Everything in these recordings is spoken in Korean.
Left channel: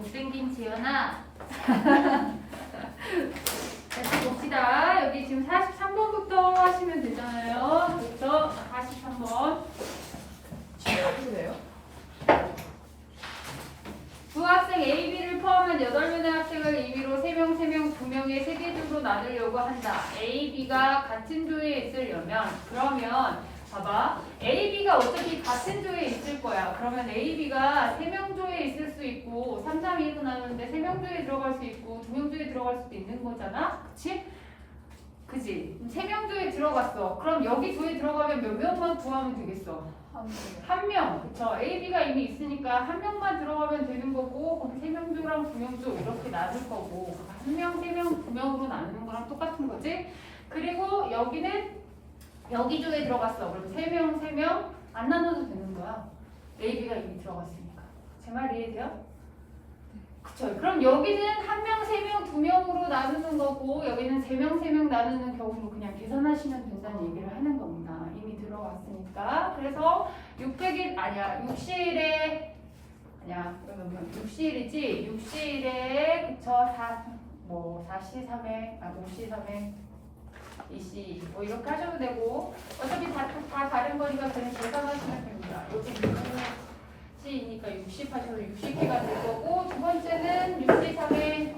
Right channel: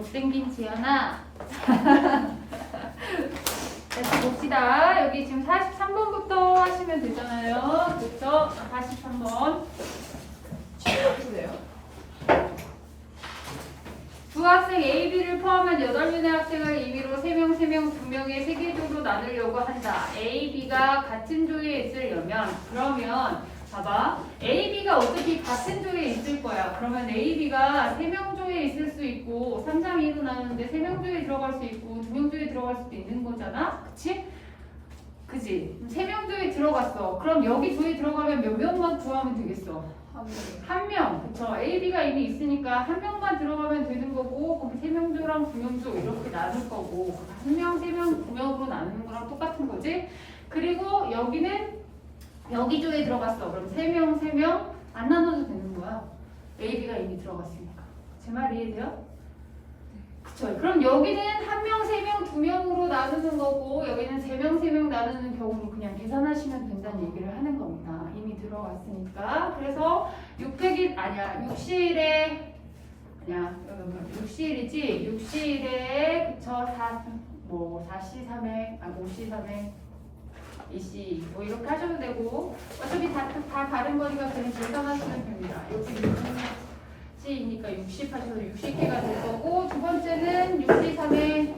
못생긴 지연아. 다시 봅시다. 여기 지금 43번부터 하시면 되잖아요. 그렇죠? 43번. 해주세요. 두 학생 A, B를 포함한 8명의 학생을 임의로 3명, 3명, 2명의 세계적으로 나누려고 한다. A, B가 같은 조에 있으려면 그러면 봐봐. A, B가 어차피 같은 조에 있을 거야. 그러면 A, B가 3명 조에 있을 수 있고 3, 3, 2도 나누는데 3명 조에 들어갈 수 있고 2명 조에 들어갈 수도 있는 거잖아. 그치? 그치? 3명 조에 들어갔어. 그럼 여기 조에 들어가면 몇 명만 구하면 되겠어? 한 명. 그쵸? A, B가 이미 있으니까 한 명만 들어가면 되는 거고 그럼 3명 조랑 2명 조 이렇게 나눌 거고 한 명, 3명, 2명으로 나누는 거랑 똑같은 거지. 그리고 여기는 여기 조에 들어갔어. 그럼 3명, 3명 안 나눠도 되는 거야. A, B가 이미 들어갔으니까. 제 말 이해돼요? 그쵸? 그럼 여기는 1명, 3명, 2명으로 나누는 거고 여기는 3명, 3명 나누는 경우로 그냥 계산하시면 된다는 얘기를 하는 겁니다. 이미 들어갔으니까. 그래서 600일 아니야. 6시일에 아니야. 6시일이지. 6시일에 그쵸? 4시 3회, 5시 3회 2시 뭐 이렇게 하셔도 되고 어차피 다 다른 거니까 그냥 계산하시면 됩니다. 이렇게 C이니까 60 하셔도 60개가 될 거고 두 번째는 6시 3회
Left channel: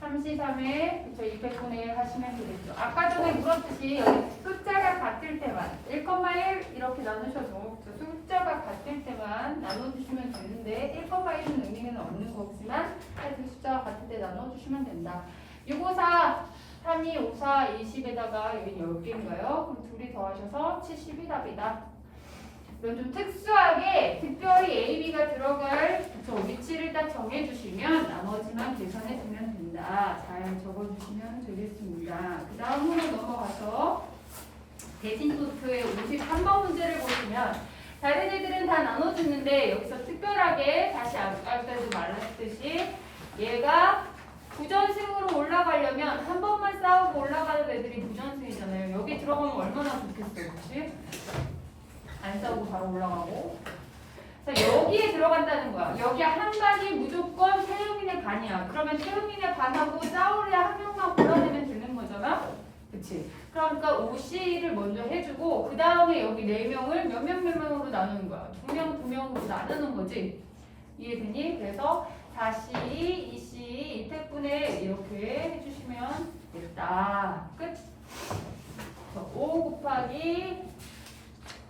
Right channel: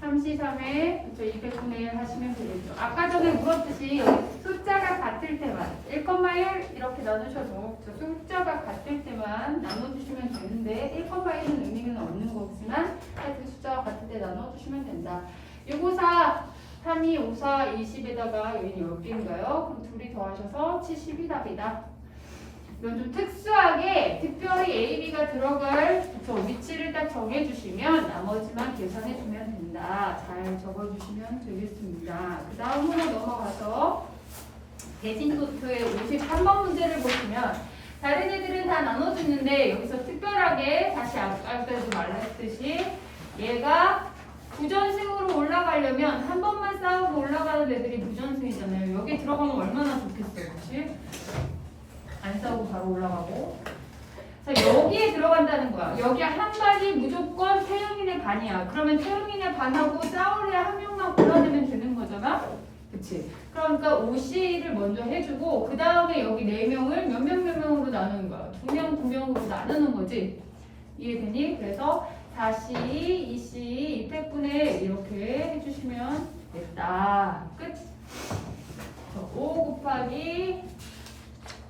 3시 3회 그쵸 200분의 1 하시면 되겠죠. 아까 전에 물었듯이 여기 숫자가 같을 때만 1,1 이렇게 나누셔도 숫자가 같을 때만 나눠주시면 되는데 1,1은 의미는 없는 거지만 하여튼 숫자가 같을 때 나눠주시면 된다. 654 32, 54, 20에다가 여기는 10개인가요? 그럼 둘이 더하셔서 70이 답이다. 이건 좀 특수하게 특별히 A, B가 들어갈 위치를 딱 정해주시면 나머지만 계산해주면 된다. 잘 적어주시면 되겠습니다. 그 다음으로 넘어가서 대진도표의 53번 문제를 보시면 다른 애들은 다 나눠주는데 여기서 특별하게 다시 아까도 말했듯이 얘가 부전승으로 올라가려면 한 번만 싸우고 올라가는 애들이 부전승이잖아요. 여기 들어가면 얼마나 좋겠어요. 그치? 안 싸우고 바로 올라가고. 자, 여기에 들어간다는 거야. 여기 한 발이 무조건 태영인의 반이야. 그러면 태영인의 반하고 싸우려야 한 명만 골라내면 되는 거잖아. 그치? 그러니까 5C를 먼저 해주고 그 다음에 여기 4명을 몇 명으로 나누는 거야. 2명, 2명으로 나누는 거지. 이해되니? 그래서 4C, 2C, 200분의 이렇게 해주시면 됐다. 끝. 5 곱하기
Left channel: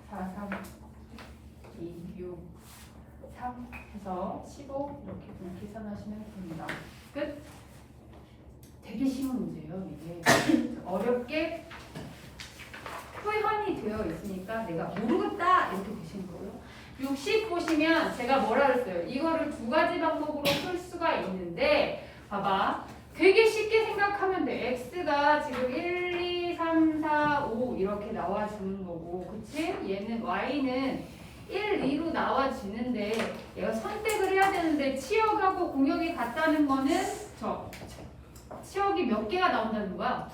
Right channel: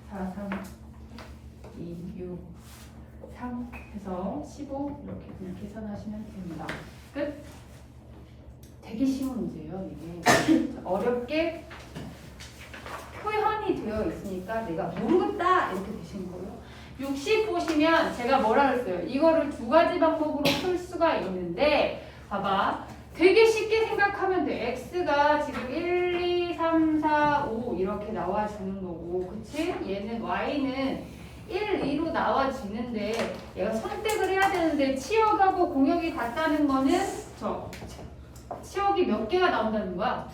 4, 3, 2, 6, 3 해서 15 이렇게 그냥 계산하시면 됩니다. 끝. 되게 쉬운 문제예요. 이게 어렵게 표현이 되어 있으니까 내가 모르겠다 이렇게 되신 거예요. 60 보시면 제가 뭐라 그랬어요? 이거를 두 가지 방법으로 풀 수가 있는데 봐봐. 되게 쉽게 생각하면 돼. X가 지금 1, 2, 3, 4, 5 이렇게 나와주는 거고 그치? 얘는 Y는 1, 2로 나와지는데 얘가 선택을 해야 되는데 치역하고 공역이 같다는 거는 치역이 몇 개가 나온다는 거야?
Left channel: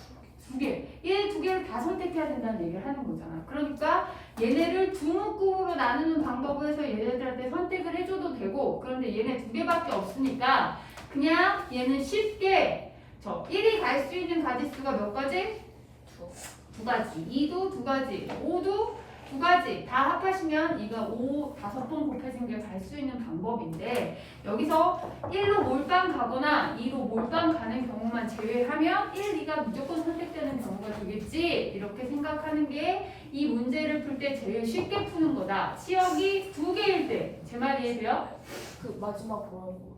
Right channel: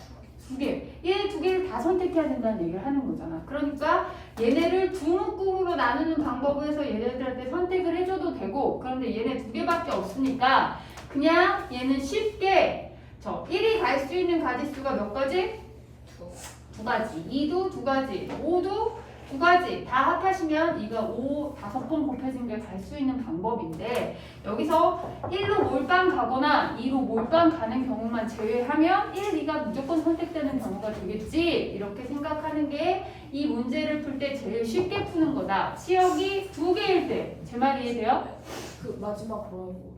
2개. 얘 2개를 다 선택해야 된다는 얘기를 하는 거잖아. 그러니까 얘네를 두 묶음으로 나누는 방법을 해서 얘네들한테 선택을 해줘도 되고 그런데 얘네 2개밖에 없으니까 그냥 얘는 쉽게 1이 갈 수 있는 가지수가 몇 가지? 두 가지. 2도 두 가지. 5도 두 가지. 다 합하시면 이거 5, 5번 곱해진 게 갈 수 있는 방법인데 여기서 1로 몰빵 가거나 2로 몰빵 가는 경우만 제외하면 1, 2가 무조건 선택되는 경우가 되겠지. 이렇게 생각하는 게 이 문제를 풀 때 제일 쉽게 푸는 거다. 치역이 2개일 때. 제 말 이해돼요? 그 마지막 뭐라고?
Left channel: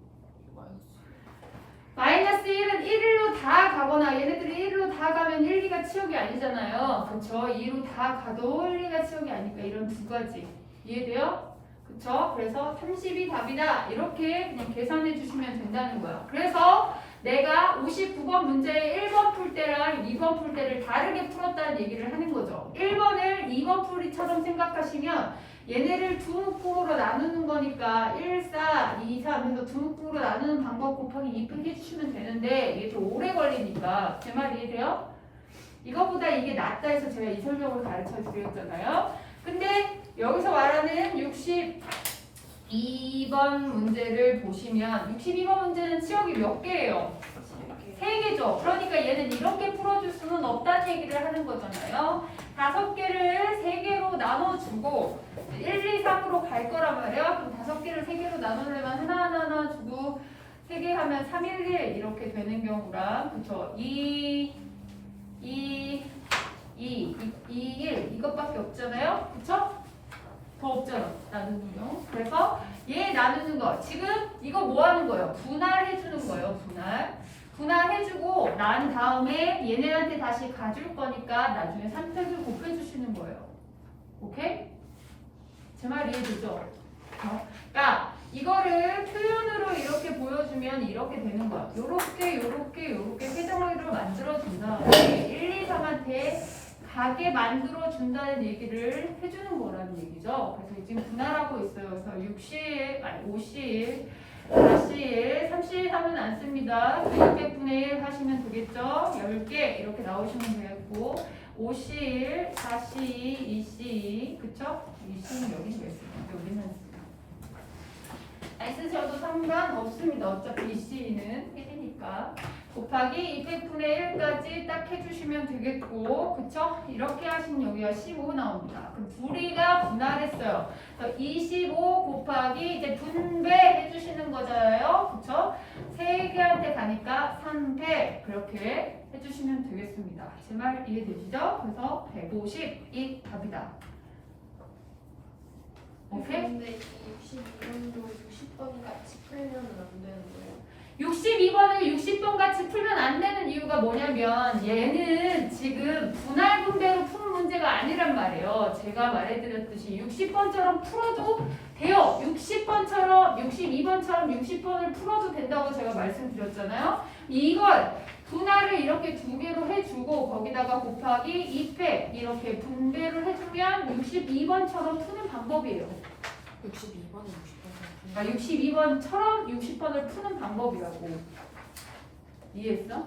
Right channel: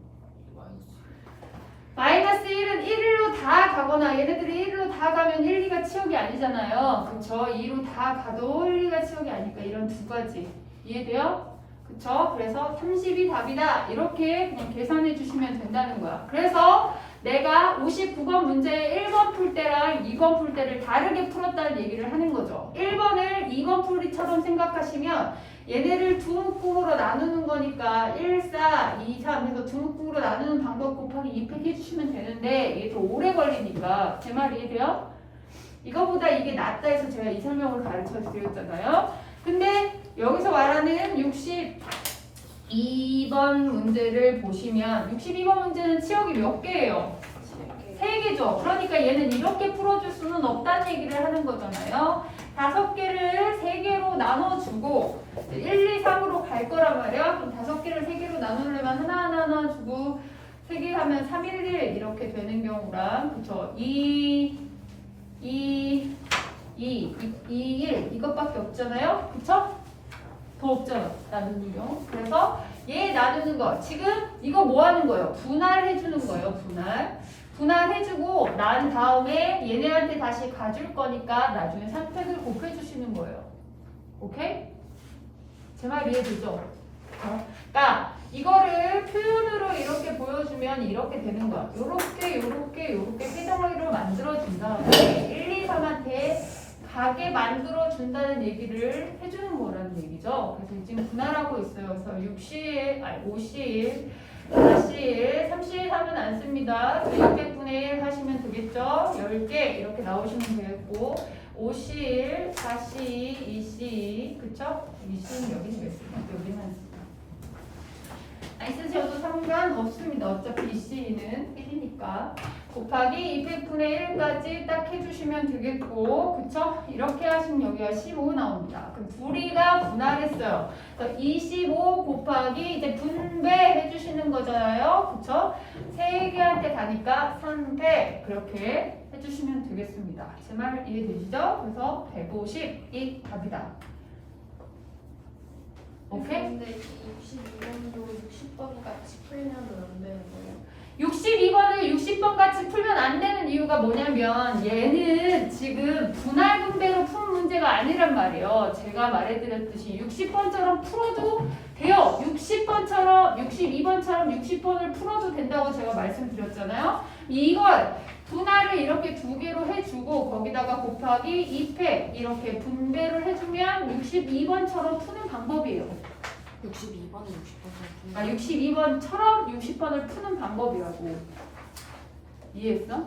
마이너스 1은 1로 다 가거나 얘네들이 1로 다 가면 1, 2가 치역이 아니잖아요. 그쵸? 2로 다 가도 1, 2가 치역이 아니까 이런 두 가지. 이해돼요? 그쵸? 그래서 30이 답이다. 이렇게 그냥 계산해 주시면 된다는 거야. 그래서 내가 59번 문제 1번 풀 때랑 2번 풀 때를 다르게 풀었다는 얘기를 하는 거죠. 1번을 2번 풀이처럼 생각하시면 얘네를 두 묶음으로 나누는 거니까 1, 4, 2, 3 해서 두 묶음으로 나누는 방법 곱하기 2팩 해주시면 되는데 이게 좀 오래 걸리니까 제 말 이해돼요? 이거보다 이게 낫다 해서 제가 이 설명을 가르쳐 드렸잖아요. 근데 여기서 말하는 60 2번 문제를 보시면 62번 문제는 치역이 몇 개예요? 3개죠. 그러니까 얘는 이렇게 풀어줄 수는 없다는 얘기를 하는 거잖아요. 5개를 3개로 나눠주고 1, 2, 3으로 갈 거란 말이야. 그럼 5개를 3개로 나누려면 하나 주고 3개 하면 3, 1, 1 이렇게 되는 경우랑 그쵸? 2, 1 이것밖에 없잖아요. 그쵸? 더 없잖아. 나누는 경우. 그래서 얘 나누는 거 지금 이거 뭐 하는 거예요? 분할해 주는 거예요. 분할해주고 난 다음에 얘네한테 다시 가줄 거니까 나중에 3팩을 곱해주시는 거예요. 오케이? 제 말 이해되죠? 그러니까 이거를 표현으로 이렇게 보여주면 이렇게 되는 거야. 요렇게 세 덩어리로 만들어준 다음에 1, 2, 3한테 가게 만들어준다는 얘기를 해주는 거라는 얘기죠. 그래서 지금 분할하고 있어요. 그래서 50일, 40일, 30하면 안 씁니다. 600분의 1 하시면 되겠죠? 10개 이렇게 나오시면 되겠고 50일, 40, 20, 그쵸? 20는 여기는 왜 쓰냐? 여기만 쓰냐? 안 쓰셔도 상관없습니다. 어차피 20는 1이니까 곱하기 200분의 1까지 딱 해주시면 되겠고 그쵸? 이렇게 하시면 여기가 15 나옵니다. 그럼 둘이가 분할했어요. 25 곱하기 이제 분배해 주시는 거잖아요. 그쵸? 3개한테 가니까 300 그렇게 해주시면 되겠습니다. 제 말 이해되시죠? 그래서 150이 답이다. 오케이? 근데 62번도 60번 같이 풀면 안 되는 거예요? 62번을 60번 같이 풀면 안 되는 이유가 뭐냐면 얘는 지금 분할 분배로 푸는 문제가 아니란 말이에요. 제가 말해드렸듯이 60번처럼 풀어도 돼요. 60번처럼 62번처럼 60번을 풀어도 된다고 제가 말씀드렸잖아요. 이걸 분할을 이렇게 2개로 해주고 거기다가 곱하기 2팩 이렇게 분배를 해주면 62번처럼 푸는 방법이에요. 62번, 60번. 62번처럼 60번을 푸는 방법이라고. 이해했어?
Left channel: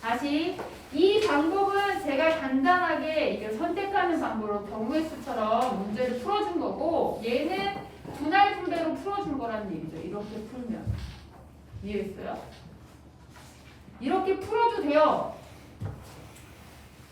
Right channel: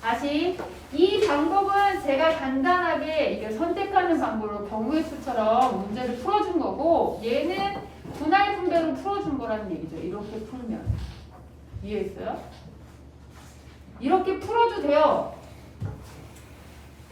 다시 이 방법은 제가 간단하게 이게 선택하는 방법으로 경우의 수처럼 문제를 풀어준 거고 얘는 분할 분배로 풀어준 거라는 얘기죠. 이렇게 풀면. 이해했어요? 이렇게 풀어도 돼요.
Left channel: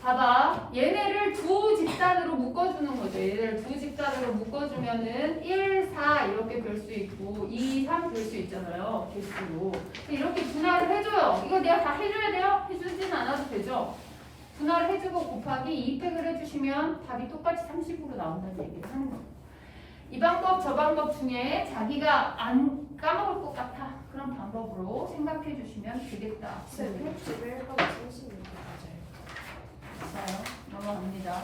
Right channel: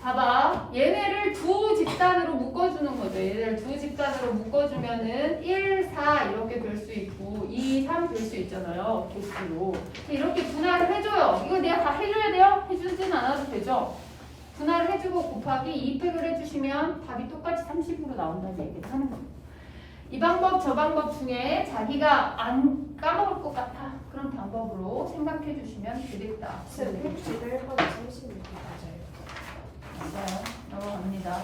봐봐. 얘네를 두 집단으로 묶어주는 거죠. 얘네를 두 집단으로 묶어주면은 1, 4 이렇게 될 수 있고 2, 3 될 수 있잖아요. 개수로. 이렇게 분할을 해줘요. 이거 내가 다 해줘야 돼요? 해주진 않아도 되죠. 분할을 해주고 곱하기 2팩을 해주시면 답이 똑같이 30으로 나온다는 얘기를 하는 거예요. 이 방법 저 방법 중에 자기가 안 까먹을 것 같아. 그런 방법으로 생각해 주시면 되겠다. 11번 36개 맞아요. 맞아요. 넘어갑니다.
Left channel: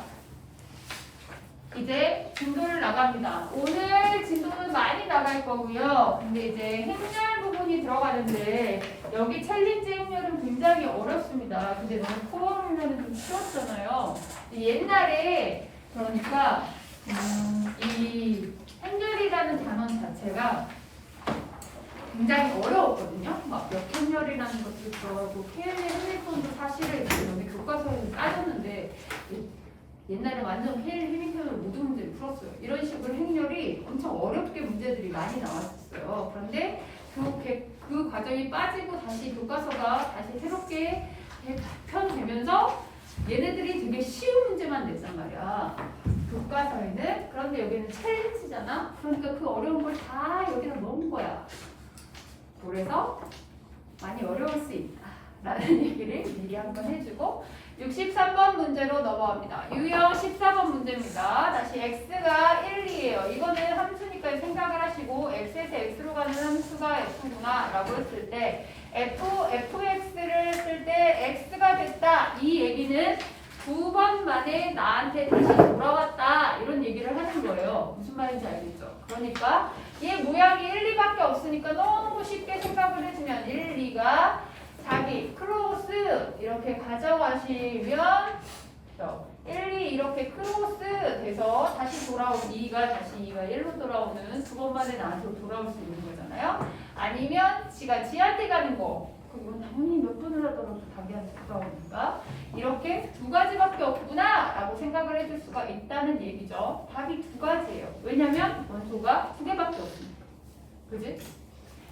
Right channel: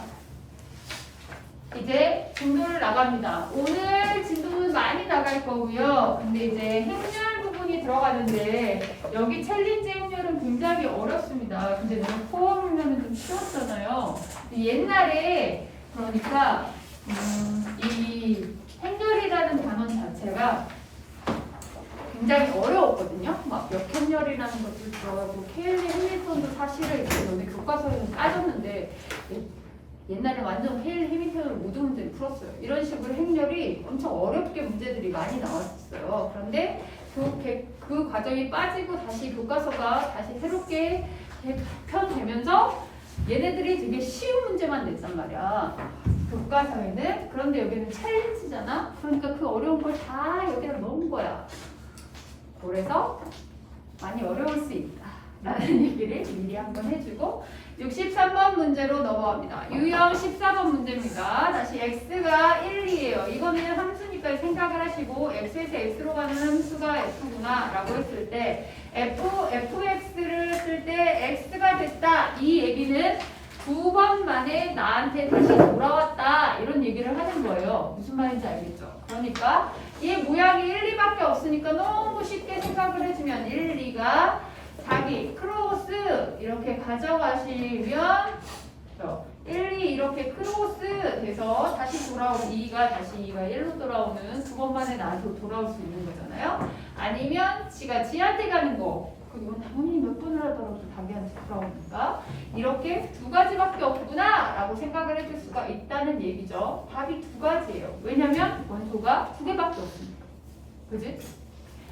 이제 진도를 나갑니다. 오늘 진도는 많이 나갈 거고요. 근데 이제 행렬 부분이 들어가는데 여기 챌린지 행렬은 굉장히 어렵습니다. 근데 너무 코어 행렬은 좀 쉬웠잖아요. 옛날에 그러니까 이 행렬이라는 단원 자체가 굉장히 어려웠거든요. 막 역행렬이라는 것도 들어가고 KL의 해밀턴도 사실은 여기 교과서에서 따졌는데 옛날에 완전 해밀턴을 모든 문제를 풀었어요. 이런 식으로 행렬이 엄청 어렵게 문제들이 많이 나왔었어요. 그런데 그 과정이 빠지고 다시 교과서가 다시 새롭게 편되면서 얘네들이 되게 쉬운 문제만 냈단 말이야. 교과서에는. 그런데 여기는 챌린지잖아. 그러니까 그 어려운 걸 다 여기다 넣은 거야. 그래서 많이 어려울 수 있다 라는 얘기를 미리 한번 해주고 63번 문제로 넘어갑니다. 유형 14번 문제입니다. 다시 x가 1, 2예요. 이거는 함수니까 생각을 하시고 x에서 x로 가는 함수가 f구나 라고 했을 때 fx를 쓸 때 x가 됐다 이 얘기는 2번 만에 나한테 다시 돌아왔다 이런 얘기를 하는 거예요. 무슨 말인지 알겠죠? 그러니까 얘 모양이 1, 2밖에 없으니까 너무 쉽게 생각을 해주면 1, 2가 자기 크로스 이렇게 가져가시면 1, 2 이렇게 크로스 돼서 다시 돌아오고 2가 다시 2가 1로 돌아오는 2번 만에 나한테 돌아올 수 있는 거잖아요. 아니면 지가 지한테 가는 거 그리고 당연히 몇 번을 하더라도 자기한테 돌아오니까 이렇게 2가지밖에 없구나 라고 생각을 해줄 수가 있다는 얘기죠. 답이 2가지예요. 왜냐면 원소가 2개밖에 없으니까. 그지?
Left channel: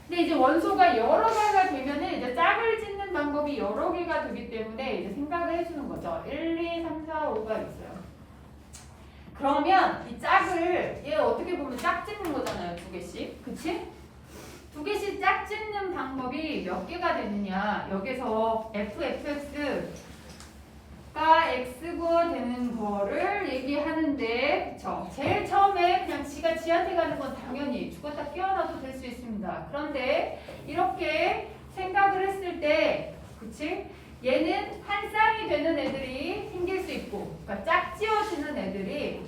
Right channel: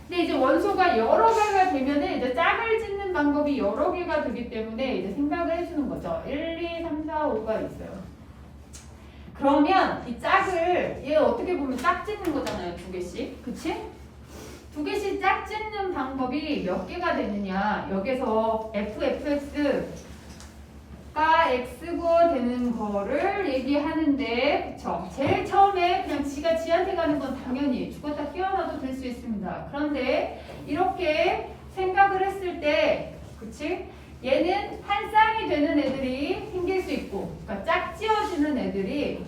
근데 이제 원소가 여러 개가 되면은 이제 짝을 짓는 방법이 여러 개가 되기 때문에 이제 생각을 해주는 거죠. 1, 2, 3, 4, 5가 있어요. 그러면 이 짝을 얘 어떻게 보면 짝 짓는 거잖아요. 2개씩. 그치? 2개씩 짝 짓는 방법이 몇 개가 되느냐. 여기서 FFX가 X고 되는 거를 얘기하는데 그쵸? 제일 처음에 그냥 지가 지한테 가는 건 당연히 죽었다 깨어나도 될 수 있습니다. 그런데 이렇게 생각을 했을 때 그치? 얘는 한 쌍이 되는 애들이 생길 수 있고 그러니까 짝 지어지는 애들이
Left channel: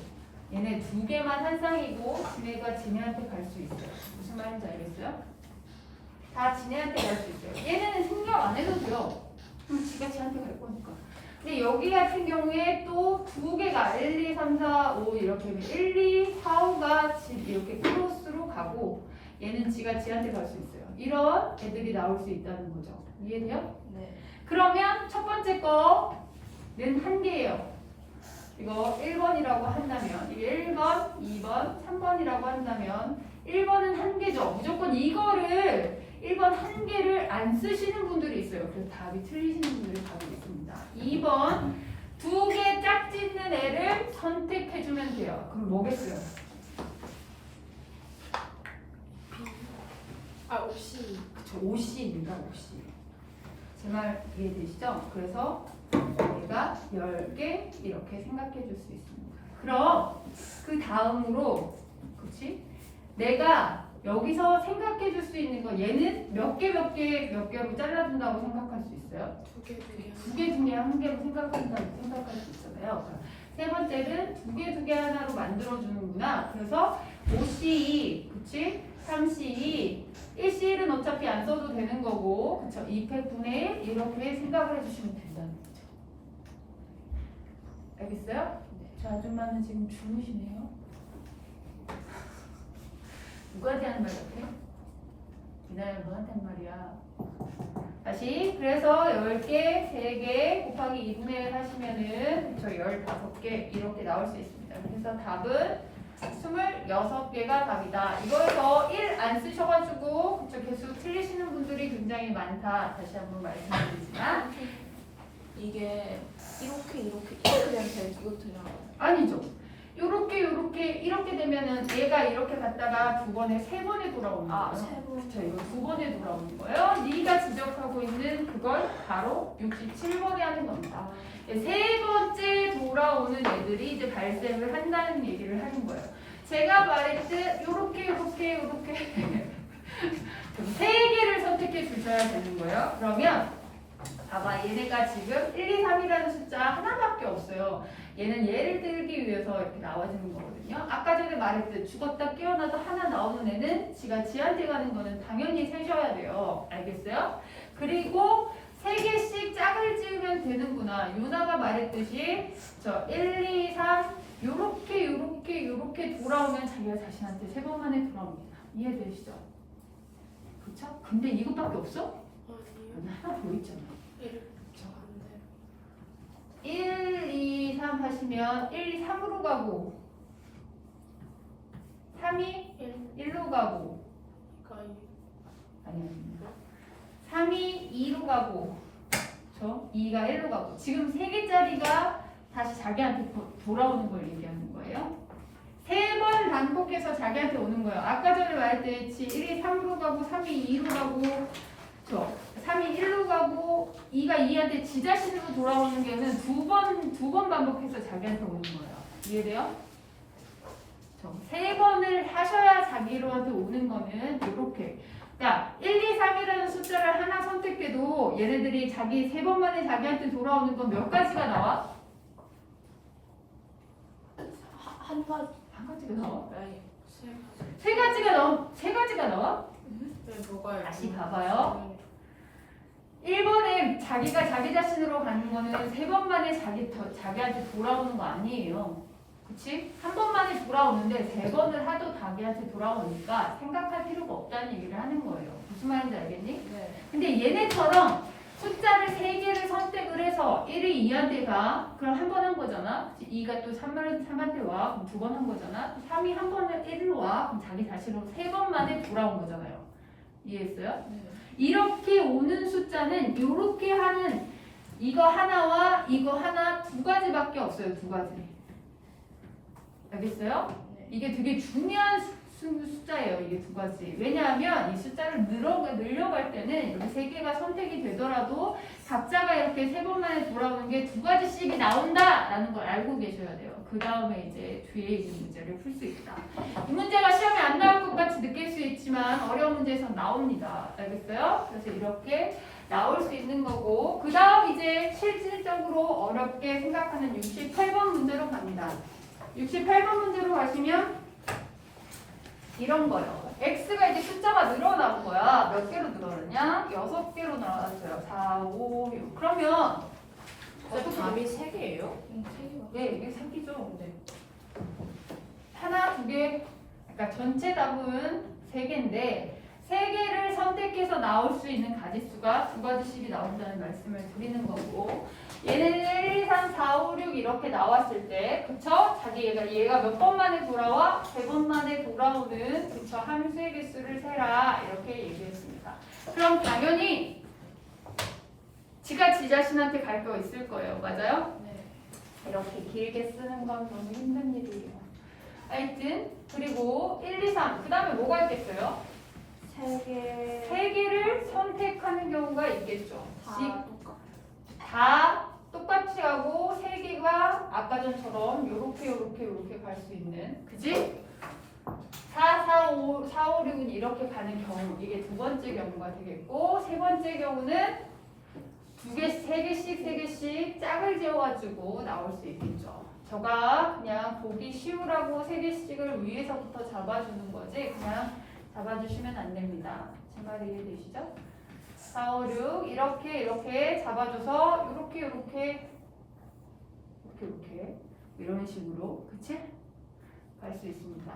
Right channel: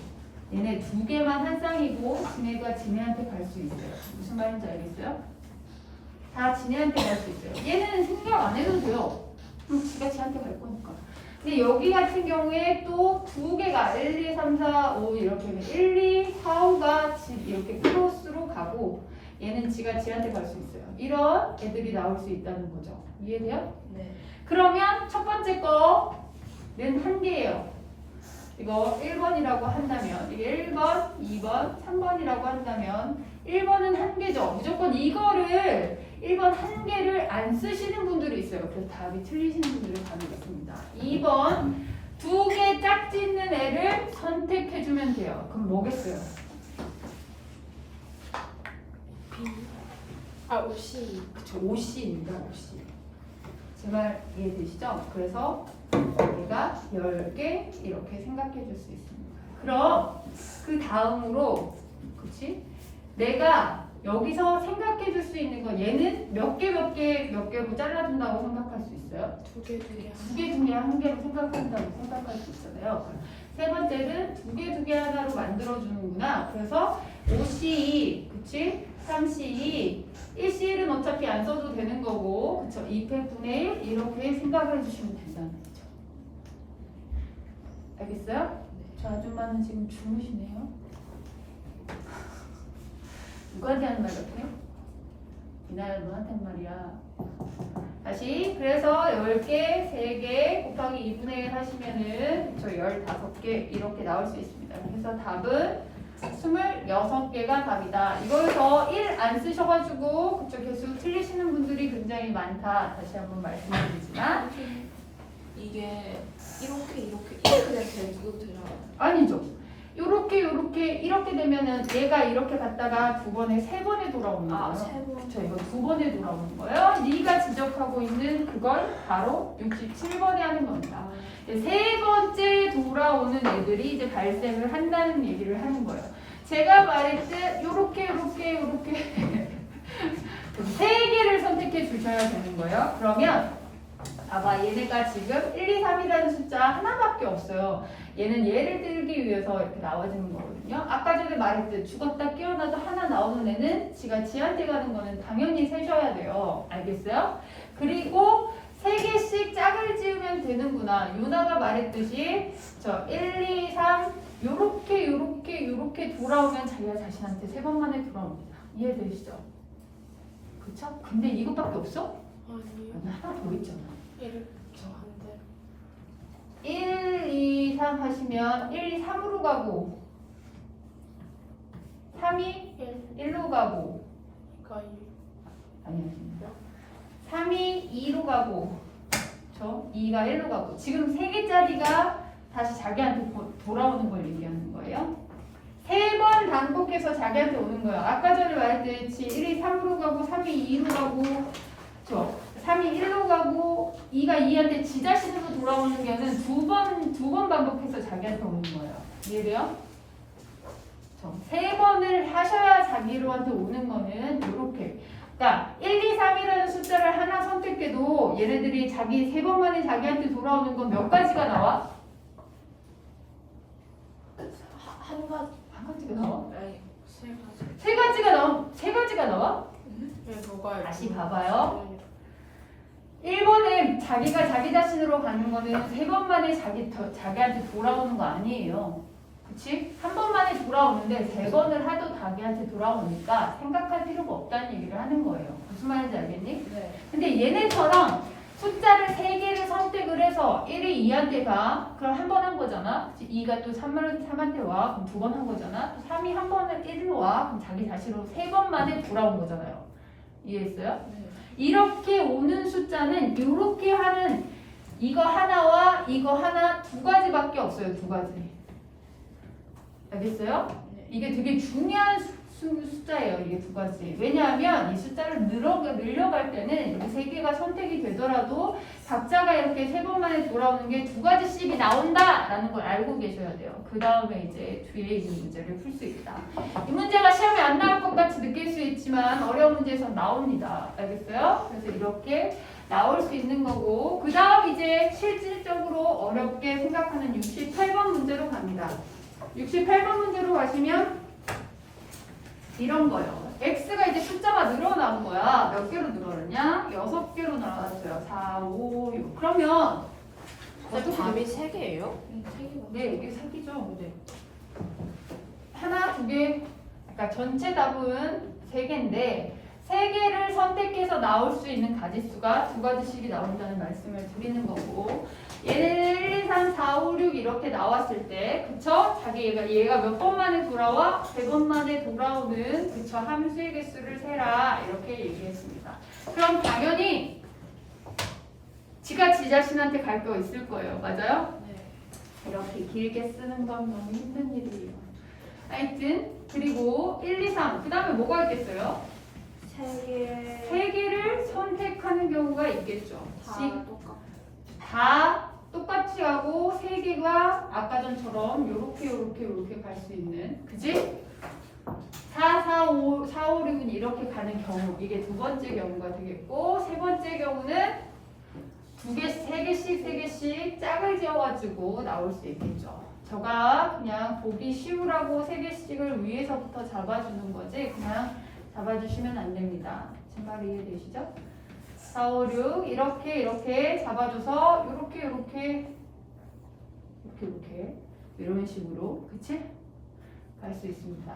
얘네 2개만 한 쌍이고 지네가 지네한테 갈 수 있어요. 무슨 말인지 알겠어요? 다 지네한테 갈 수 있어요. 얘는 생각 안 해도 돼요. 그럼 지가 지한테 갈 거니까. 근데 여기 같은 경우에 또 2개가 1, 2, 3, 4, 5 이렇게 1, 2, 4, 5가 이렇게 크로스로 가고 얘는 지가 지한테 갈 수 있어요. 이런 애들이 나올 수 있다는 거죠. 이해돼요? 네. 그러면 첫 번째 거는 한 개예요. 이거 1번이라고 한다면 이게 1번, 2번, 3번이라고 한다면 1번은 한 개죠. 무조건 이거를 1번 한 개를 안 쓰시는 분들이 있어요. 그래서 답이 틀리시는 분들이 답이 있습니다. 2번 2개 짝 짓는 애를 선택해주면 돼요. 그럼 뭐겠어요? 옷이. 그쵸, OC입니다. OC. 제 말 이해되시죠? 그래서 얘가 10개 이렇게 생각해 줄 수 있습니다. 그럼 그 다음으로 그치? 내가 여기서 생각해 줄 수 있는 건 얘는 몇 개로 잘라준다고 생각할 수 있어요? 2개. 2개 중에 한 개로 생각한다고 생각할 수 있잖아요. 세 번째는 2개 하나로 만들어주는구나. 그래서 5C2, 그치? 3C2, 1C1은 어차피 안 써도 되는 거고, 그쵸? 2패 9의 1 이렇게 생각을 해주시면 된다는 거죠. 알겠어요? 저 아줌마는 지금 주무시네요. 누구한테 하는 말 같아요? 이날 너한테 한 말이야. 다시 그래서 10개, 3개 곱하기 2분의 1 하시면은 저 15개 이렇게 나올 수 있습니다. 그래서 답은 26개가 답이다. 이거에서 1 안 쓰셔가지고 그쪽 개수 틀리시는 분들이 굉장히 많다. 다시 한번 말씀드리지만 이게 이렇게 되면 이거 되잖아요. 아니죠. 이렇게 되면은 얘가 이렇게 갔다가 2번에 3번에 돌아오는 거예요. 3번. 그쵸, 이거 2번에 돌아오는 거예요. 네가 지적하고 있는 그걸 바로 67번에 하는 겁니다. 세 번째 돌아오는 애들이 이제 발생을 한다는 얘기를 하는 거예요. 제가 말했듯 요렇게 세 개를 선택해 주셔야 되는 거예요. 그러면 봐봐, 얘네가 지금 1, 2, 3이라는 숫자 하나밖에 없어요. 얘는 얘를 들기 위해서 이렇게 나와지는 거거든요. 아까 전에 말했듯 죽었다 깨어나도 하나 나오는 애는 지가 지한테 가는 거는 당연히 세셔야 돼요. 알겠어요? 그리고 3개씩 짝을 지으면 되는구나. 유나가 말했듯이 저 1, 2, 3 요렇게 돌아오면 자기가 자신한테 3번 만에 돌아옵니다. 이해되시죠? 그쵸? 근데 이것밖에 없어? 아니요. 하나 더 있잖아. 1 1, 2, 3 하시면 1, 2, 3으로 가고 3이 1로 가고 아니요 3이 2로 가고 그렇죠? 2가 1로 가고 지금 3개짜리가 다시 자기한테 돌아오는 걸 얘기하는 거예요. 3번 반복해서 자기한테 오는 거예요. 아까 전에 말했듯이 1이 3으로 가고 3이 2로 가고 그렇죠? 3이 1로 가고 2가 2한테 지 자신으로 돌아오는 게는 두 번 반복해서 자기한테 오는 거예요. 이해돼요? 3번을 하셔야 자기로한테 오는 거는 이렇게. 그러니까 1, 2, 3이라는 숫자를 하나 선택해도 얘네들이 자기 3번 만에 자기한테 돌아오는 건 몇 가지가 나와? 한 가지가 나와? 아니, 세 가지가 나와? 네, 뭐가요? 다시 봐봐요. 1번에 자기가 자기 자신으로 가는 거는 3번 만에 자기한테 돌아오는 거 아니에요. 그치? 한 번 만에 돌아오는데 3번을 해도 자기한테 돌아오니까 생각할 필요가 없다는 얘기를 하는 거예요. 무슨 말인지 알겠니? 네. 근데 얘네처럼 숫자를 3개를 선택을 선택을 해서 1이 2한테 가. 그럼 한 번 한 거잖아. 2가 또 3한테 와. 그럼 두 번 한 거잖아. 3이 한 번을 1로 와. 그럼 자기 자신으로 세 번 만에 돌아온 거잖아요. 이해했어요? 네. 이렇게 오는 숫자는 이렇게 하는 이거 하나와 이거 하나 두 가지밖에 없어요. 두 가지. 알겠어요? 네. 이게 되게 중요한 숫자예요. 이게 두 가지. 왜냐하면 이 숫자를 늘려갈 때는 여기 세 개가 선택이 되더라도 각자가 이렇게 세 번 만에 돌아오는 게 두 가지씩이 나온다라는 걸 알고 계셔야 돼요. 그 다음에 이제 뒤에 있는 문제를 풀 수 있다. 이 문제가 시험에 안 나올 것 같이 느낄 수 있지만 어려운 문제에서 나옵니다. 알겠어요? 그래서 이렇게 나올 수 있는 거고 그 다음 이제 실질적으로 어렵게 생각하는 68번 문제로 갑니다. 68번 문제로 가시면 이런 거예요. x가 이제 숫자가 늘어난 거야. 몇 개로 늘어났냐? 6개로 늘어났어요. 4, 5, 6. 그러면 어떻게 답이 3개예요? 세 개가. 네, 이게 3개죠. 네. 하나, 두 개. 그러니까 전체 답은 3개인데 3개를 선택해서 나올 수 있는 가지수가 두 가지씩이 나온다는 말씀을 드리는 거고 1, 2, 3, 4, 5, 6 이렇게 나왔을 때 그쵸? 얘가 몇 번 만에 돌아와? 3번 만에 돌아오는 그쵸? 함수의 개수를 세라 이렇게 얘기했습니다. 그럼 당연히 지가 지 자신한테 갈 거 있을 거예요. 맞아요? 네. 이렇게 길게 쓰는 건 너무 힘든 일이에요. 하여튼 그리고 1, 2, 3 그 다음에 뭐가 있겠어요? 3개 3개를 선택하는 경우가 있겠죠. 다 똑같고 다 똑같이 하고 3개가 아까 전처럼 요렇게 갈 수 있는 그지? 4, 4, 5, 6은 이렇게 가는 경우 이게 두 번째 경우가 되겠고 세 번째 경우는 세 개씩 짝을 지어가지고 나올 수 있겠죠. 저가 그냥 보기 쉬우라고 3개씩을 위에서부터 잡아주는 거지 그냥 잡아주시면 안 됩니다. 제 말 이해되시죠? 4, 5, 6 이렇게 잡아줘서 이렇게 이런 식으로 그치? 갈 수 있습니다.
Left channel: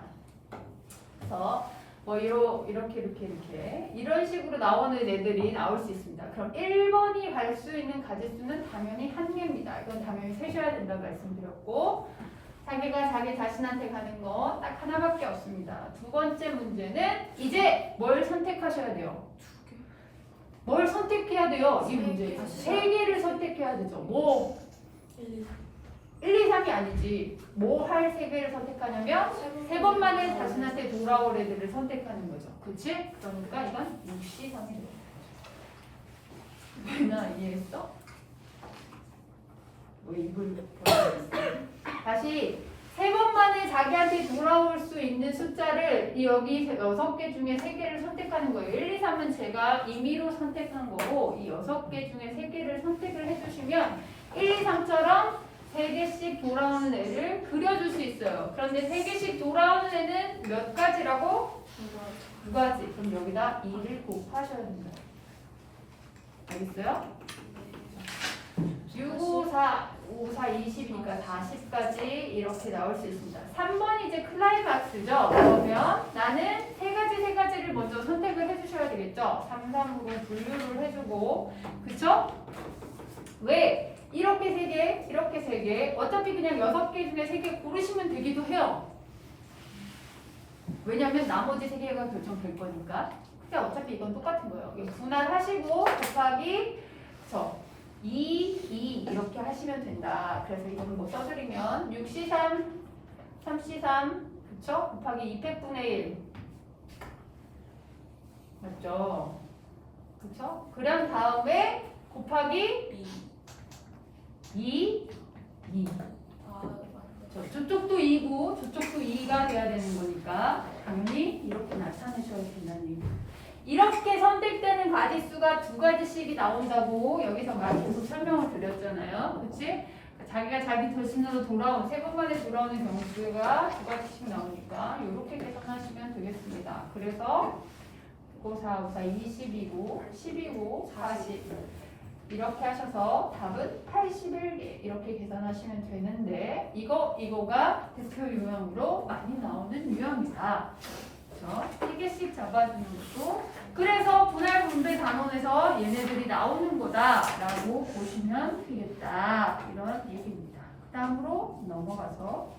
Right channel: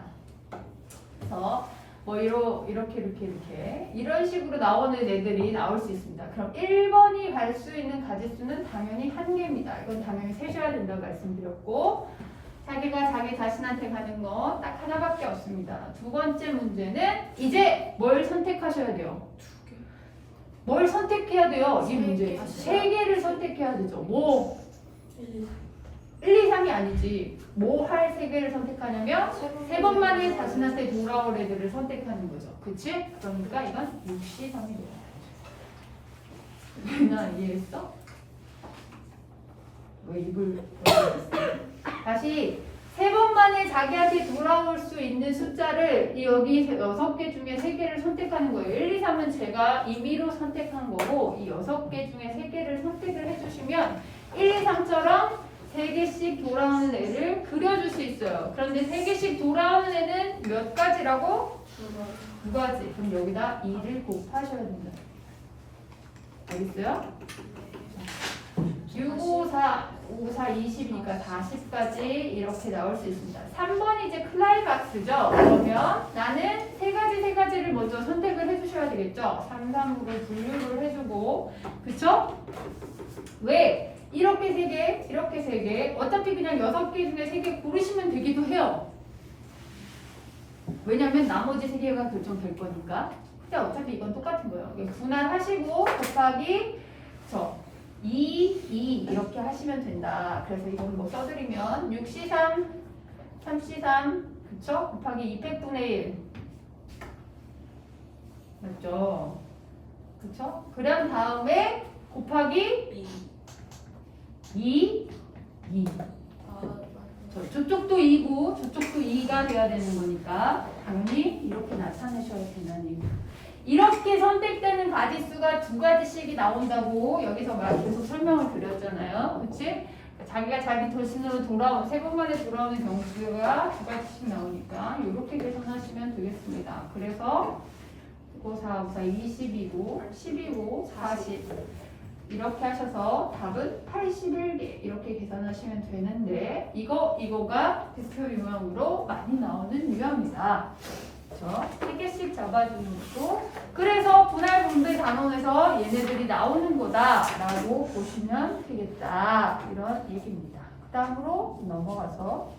그래서 뭐 이렇게 이런 식으로 나오는 애들이 나올 수 있습니다. 그럼 1번이 갈 수 있는 가지수는 당연히 1개입니다. 이건 당연히 세셔야 된다고 말씀드렸고 자기가 자기 자신한테 가는 거 딱 하나밖에 없습니다. 두 번째 문제는 이제 뭘 선택하셔야 돼요? 뭘 선택해야 돼요? 이 문제. 3개를 선택해야 되죠. 뭐? 1, 2, 3이 아니지. 뭐 할 3개를 선택하냐면 3번 만에 자신한테 돌아올 애들을 선택하는 거죠. 그치? 그러니까 이건 63이 돼요. 나 이해했어? 왜 입을 벌렸어? 다시 3번 만에 자기한테 돌아올 수 있는 숫자를 여기 6개 중에 3개를 선택하는 거예요. 1, 2, 3은 제가 임의로 선택한 거고 이 6개 중에 3개를 선택을 해주시면 1, 2, 3처럼 3개씩 돌아오는 애를 그려줄 수 있어요. 그런데 3개씩 돌아오는 애는 몇 가지라고? 두 가지. 그럼 여기다 2를 곱하셔야 된다. 알겠어요? 6, 5, 4, 5, 4, 20이니까 40까지 이렇게 나올 수 있습니다. 3번이 이제 클라이박스죠. 그러면 나는 세 가지를 먼저 선택을 해주셔야 되겠죠. 3, 3으로 분류를 해주고 그쵸? 왜? 이렇게 3개, 이렇게 3개 어차피 그냥 6개 중에 3개 고르시면 되기도 해요. 왜냐면 나머지 3개가 결정될 거니까. 근데 어차피 이건 똑같은 거예요. 분할하시고 곱하기 그쵸? 2 이렇게 하시면 된다. 그래서 이거는 뭐 써드리면 6C3, 3C3 그쵸? 곱하기 200분의 1 맞죠? 그쵸? 그런 다음에 곱하기 2 저쪽도 2고 저쪽도 2가 돼야 되는 거니까 당연히 이렇게 나타내셔야 된다는 얘기입니다. 이렇게 선택되는 가지수가 두 가지씩이 나온다고 여기서 계속 설명을 드렸잖아요. 그치? 자기가 자기 자신으로 돌아온 3번 만에 돌아오는 경수가 두 가지씩 나오니까 이렇게 계산하시면 되겠습니다. 그래서 9, 4, 5, 4, 20이고 10이고 40 이렇게 하셔서 답은 81개 이렇게 계산하시면 되는데 이거가 대표 유형으로 많이 나오는 유형입니다. 그렇죠? 3개씩 잡아주는 것도 그래서 분할 분배 단원에서 그래서 얘네들이 나오는 거다라고 보시면 되겠다. 이런 얘기입니다. 그 다음으로 넘어가서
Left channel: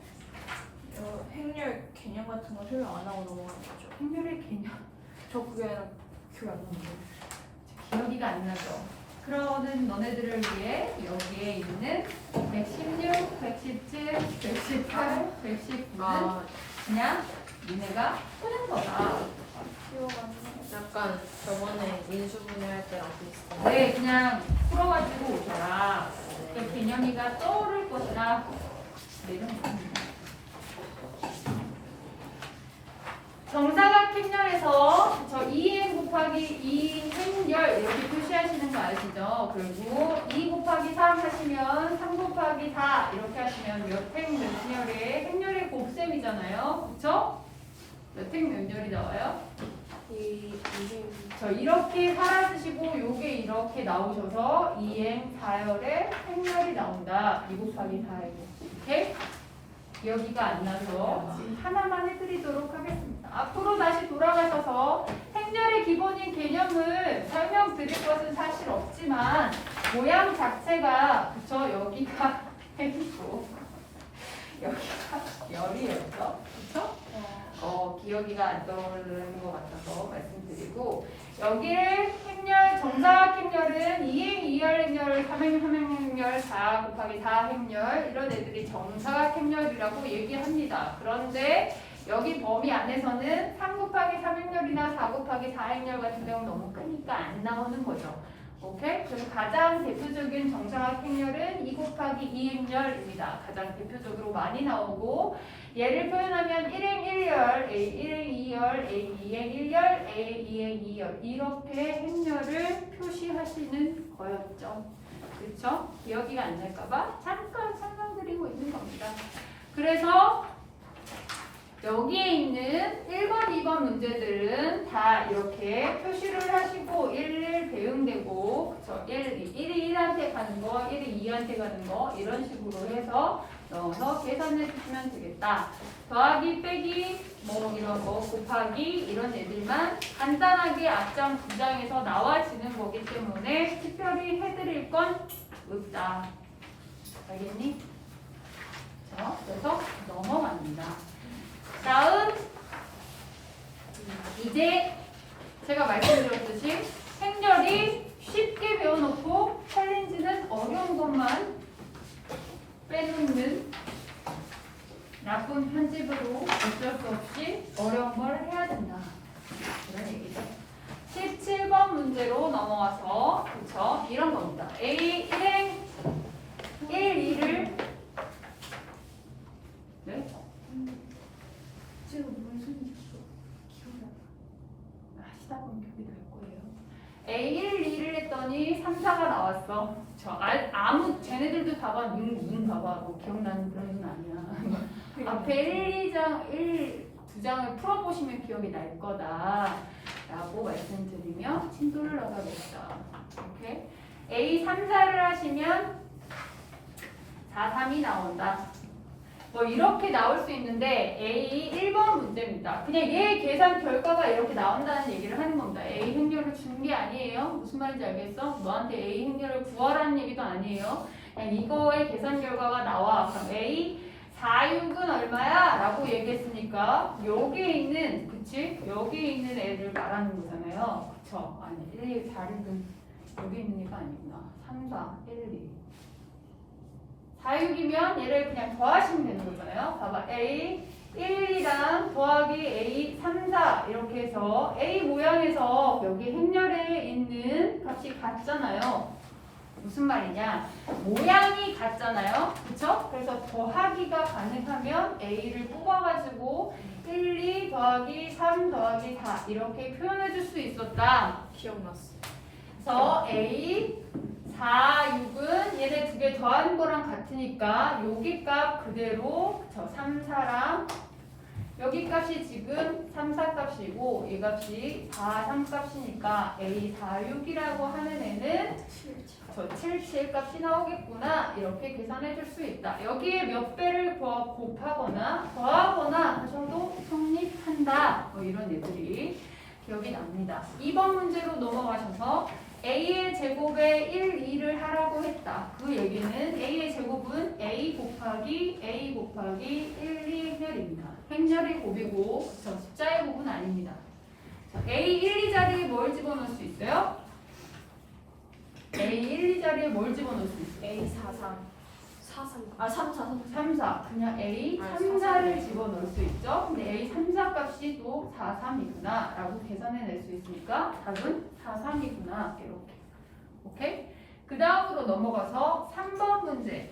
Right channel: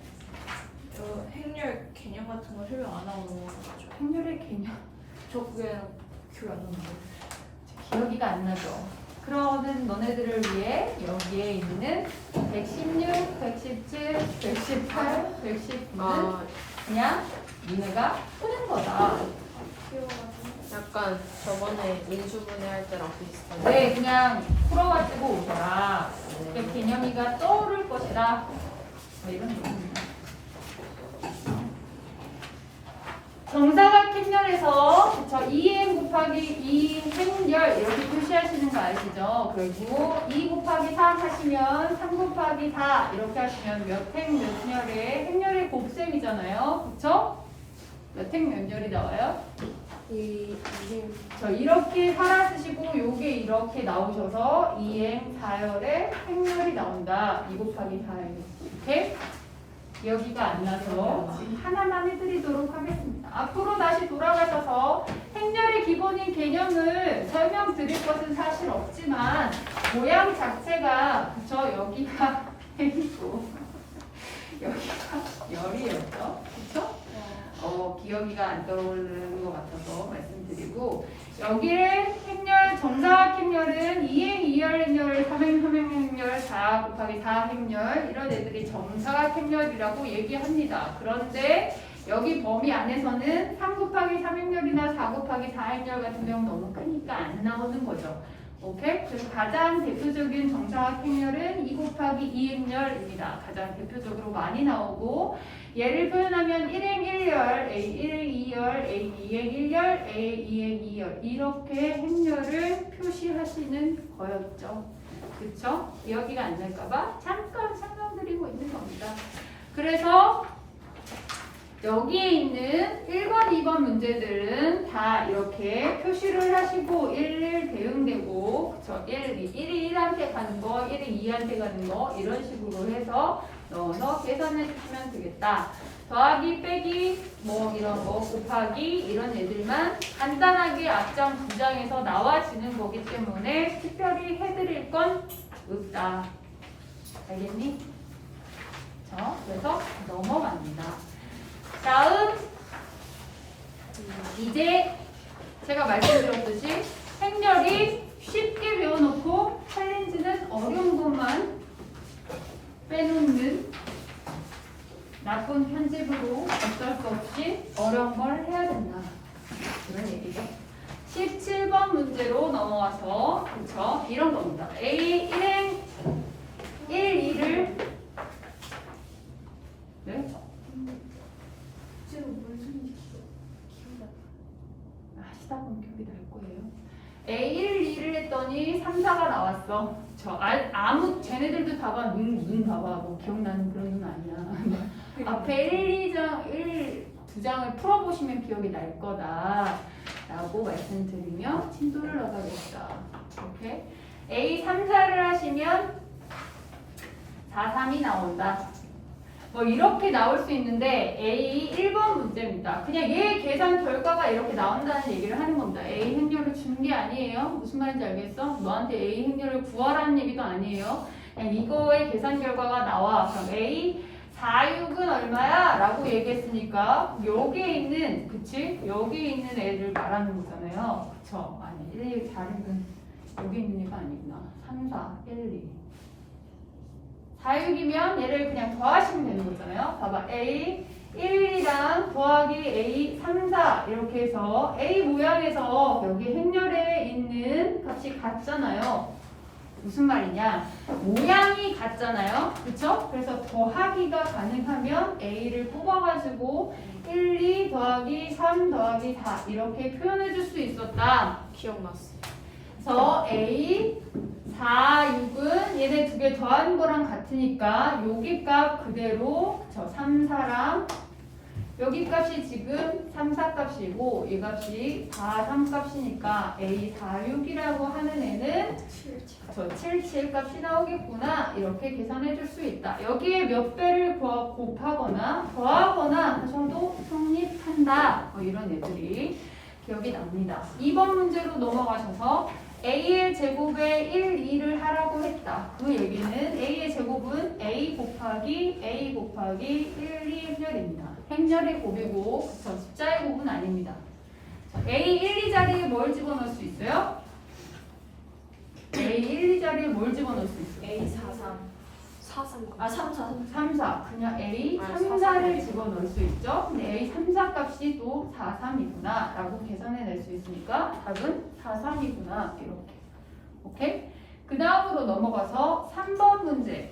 행렬 개념 같은 거 설명 안 하고 넘어가는 거죠. 행렬의 개념. 저 그게 기억 안 나는데. 기억이가 안 나죠. 그러면 너네들을 위해 여기에 있는 116, 117, 118, 119는 그냥 니네가 푸는 거다. 약간 저번에 인수분해 할 때랑 비슷한. 네, 그냥 풀어가지고 오셔라. 그 개념이가 떠오를 것이다. 뭐 이런 얘기입니다. 정사각행렬에서 저 2n 곱하기 2 행렬 이렇게 표시하시는 거 아시죠? 그리고 2 곱하기 3 하시면 3 곱하기 4 이렇게 하시면 몇 행 몇 렬의 행렬의 곱셈이잖아요. 그쵸? 몇 행 몇 렬이 나와요? 저 이렇게 하나 쓰시고 요게 이렇게 나오셔서 2행 4열의 행렬이 나온다. 2 곱하기 4에 이렇게 여기가 안 나서 하나만 해드리도록 하겠습니다. 앞으로 다시 돌아가셔서 행렬의 기본인 개념을 설명드릴 것은 사실 없지만 모양 자체가 그쵸? 여기가 펜이고 여기가 열이었죠? 그쵸? 기억이가 안 떠오르는 것 같아서 말씀드리고 여기를 행렬, 정사각 행렬은 2행 2열 행렬, 3행 3행 행렬, 4 곱하기 4 행렬 이런 애들이 정사각 행렬이라고 얘기합니다. 그런데 여기 범위 안에서는 3 곱하기 3 행렬이나 4 곱하기 4 행렬 같은 경우는 너무 크니까 안 나오는 거죠. 오케이? 그래서 가장 대표적인 정사각 행렬은 2 곱하기 2 행렬입니다. 가장 대표적으로 많이 나오고 얘를 표현하면 1행 1열, A 1행 2열, A 2행 1열, A 2행 2열 이렇게 행렬을 표시하시는 거였죠. 그쵸? 기억이가 안 날까봐 잠깐 설명드리고 있는 겁니다. 그래서 여기에 있는 1번, 2번 문제들은 다 이렇게 표시를 하시고 1 대응되고 그쵸? 1이 1한테 가는 거, 1이 2한테 가는 거 이런 식으로 해서 넣어서 계산해 주시면 되겠다. 더하기, 빼기, 뭐 이런 거, 곱하기 이런 애들만 간단하게 앞장 두 장에서 나와지는 거기 때문에 특별히 해드릴 건 없다. 알겠니? 자, 그래서 넘어갑니다. 다음 이제 제가 말씀드렸듯이 행렬이 쉽게 배워놓고 챌린지는 어려운 것만 빼놓는 나쁜 편집으로 어쩔 수 없이 어려운 걸 해야 된다. 이런 얘기죠. 17번 문제로 넘어와서 그쵸? 이런 겁니다. A 1행 1, 2를 네? 하시다 보면 기억이 날 거예요. A 1, 2를 했더니 3, 4가 나왔어. 아무 쟤네들도 봐봐 눈 봐봐 뭐 기억나는 그런 눈 아니야. 앞에 2 장을 풀어보시면 기억이 날 거다라고 말씀드리며 진도를 나가겠다. 오케이? A 3, 4를 하시면 4, 3이 나온다. 뭐 이렇게 나올 수 있는데 A 1번 문제입니다. 그냥 얘 계산 결과가 이렇게 나온다는 얘기를 하는 겁니다. A 행렬을 준 게 아니에요. 무슨 말인지 알겠어? 너한테 A 행렬을 구하라는 얘기도 아니에요. 그냥 이거의 계산 결과가 나와. 그럼 A 4, 6은 얼마야? 라고 얘기했으니까 여기에 있는 그치? 여기에 있는 애를 말하는 거잖아요. 그쵸? 아니 1, 2, 4, 6은 여기 있는 애가 아니구나. 3, 4, 1, 2 4, 6이면 얘를 그냥 더하시면 되는 거잖아요. 봐봐. A 1, 2랑 더하기 A 3, 4 이렇게 해서 A 모양에서 여기 행렬에 있는 값이 같잖아요. 무슨 말이냐? 모양이 같잖아요. 그쵸? 그래서 더하기가 가능하면 A를 뽑아가지고 1, 2 더하기 3 더하기 4 이렇게 표현해 줄 수 있었다. 기억났어. 그래서 A 4, 6은 얘네 두 개 더한 거랑 같으니까 여기 값 그대로 저 3, 4랑 여기 값이 지금 3, 4 값이고 이 값이 4, 3 값이니까 A 4, 6이라고 하는 애는 저 7, 7 값이 나오겠구나 이렇게 계산해 줄 수 있다. 여기에 몇 배를 곱하거나 더하거나 하셔도 성립한다. 뭐 이런 애들이 기억이 납니다. 2번 문제로 넘어가셔서 a의 제곱에 1, 2를 하라고 했다. 그 얘기는 a의 제곱은 a 곱하기 1, 2 행렬입니다. 행렬의 곱이고 숫자의 곱은 아닙니다. 자, a 1, 2 자리에 뭘 집어넣을 수 있어요? a 1, 2 자리에 뭘 집어넣을 수 있어요? A 43 3, 4. 그냥 A 3, 4를 집어넣을 수 있죠. 근데 A 3, 4 값이 또 4, 3이구나 라고 계산해낼 수 있으니까 답은 4, 3이구나 이렇게. 오케이? 그 다음으로 넘어가서 3번 문제.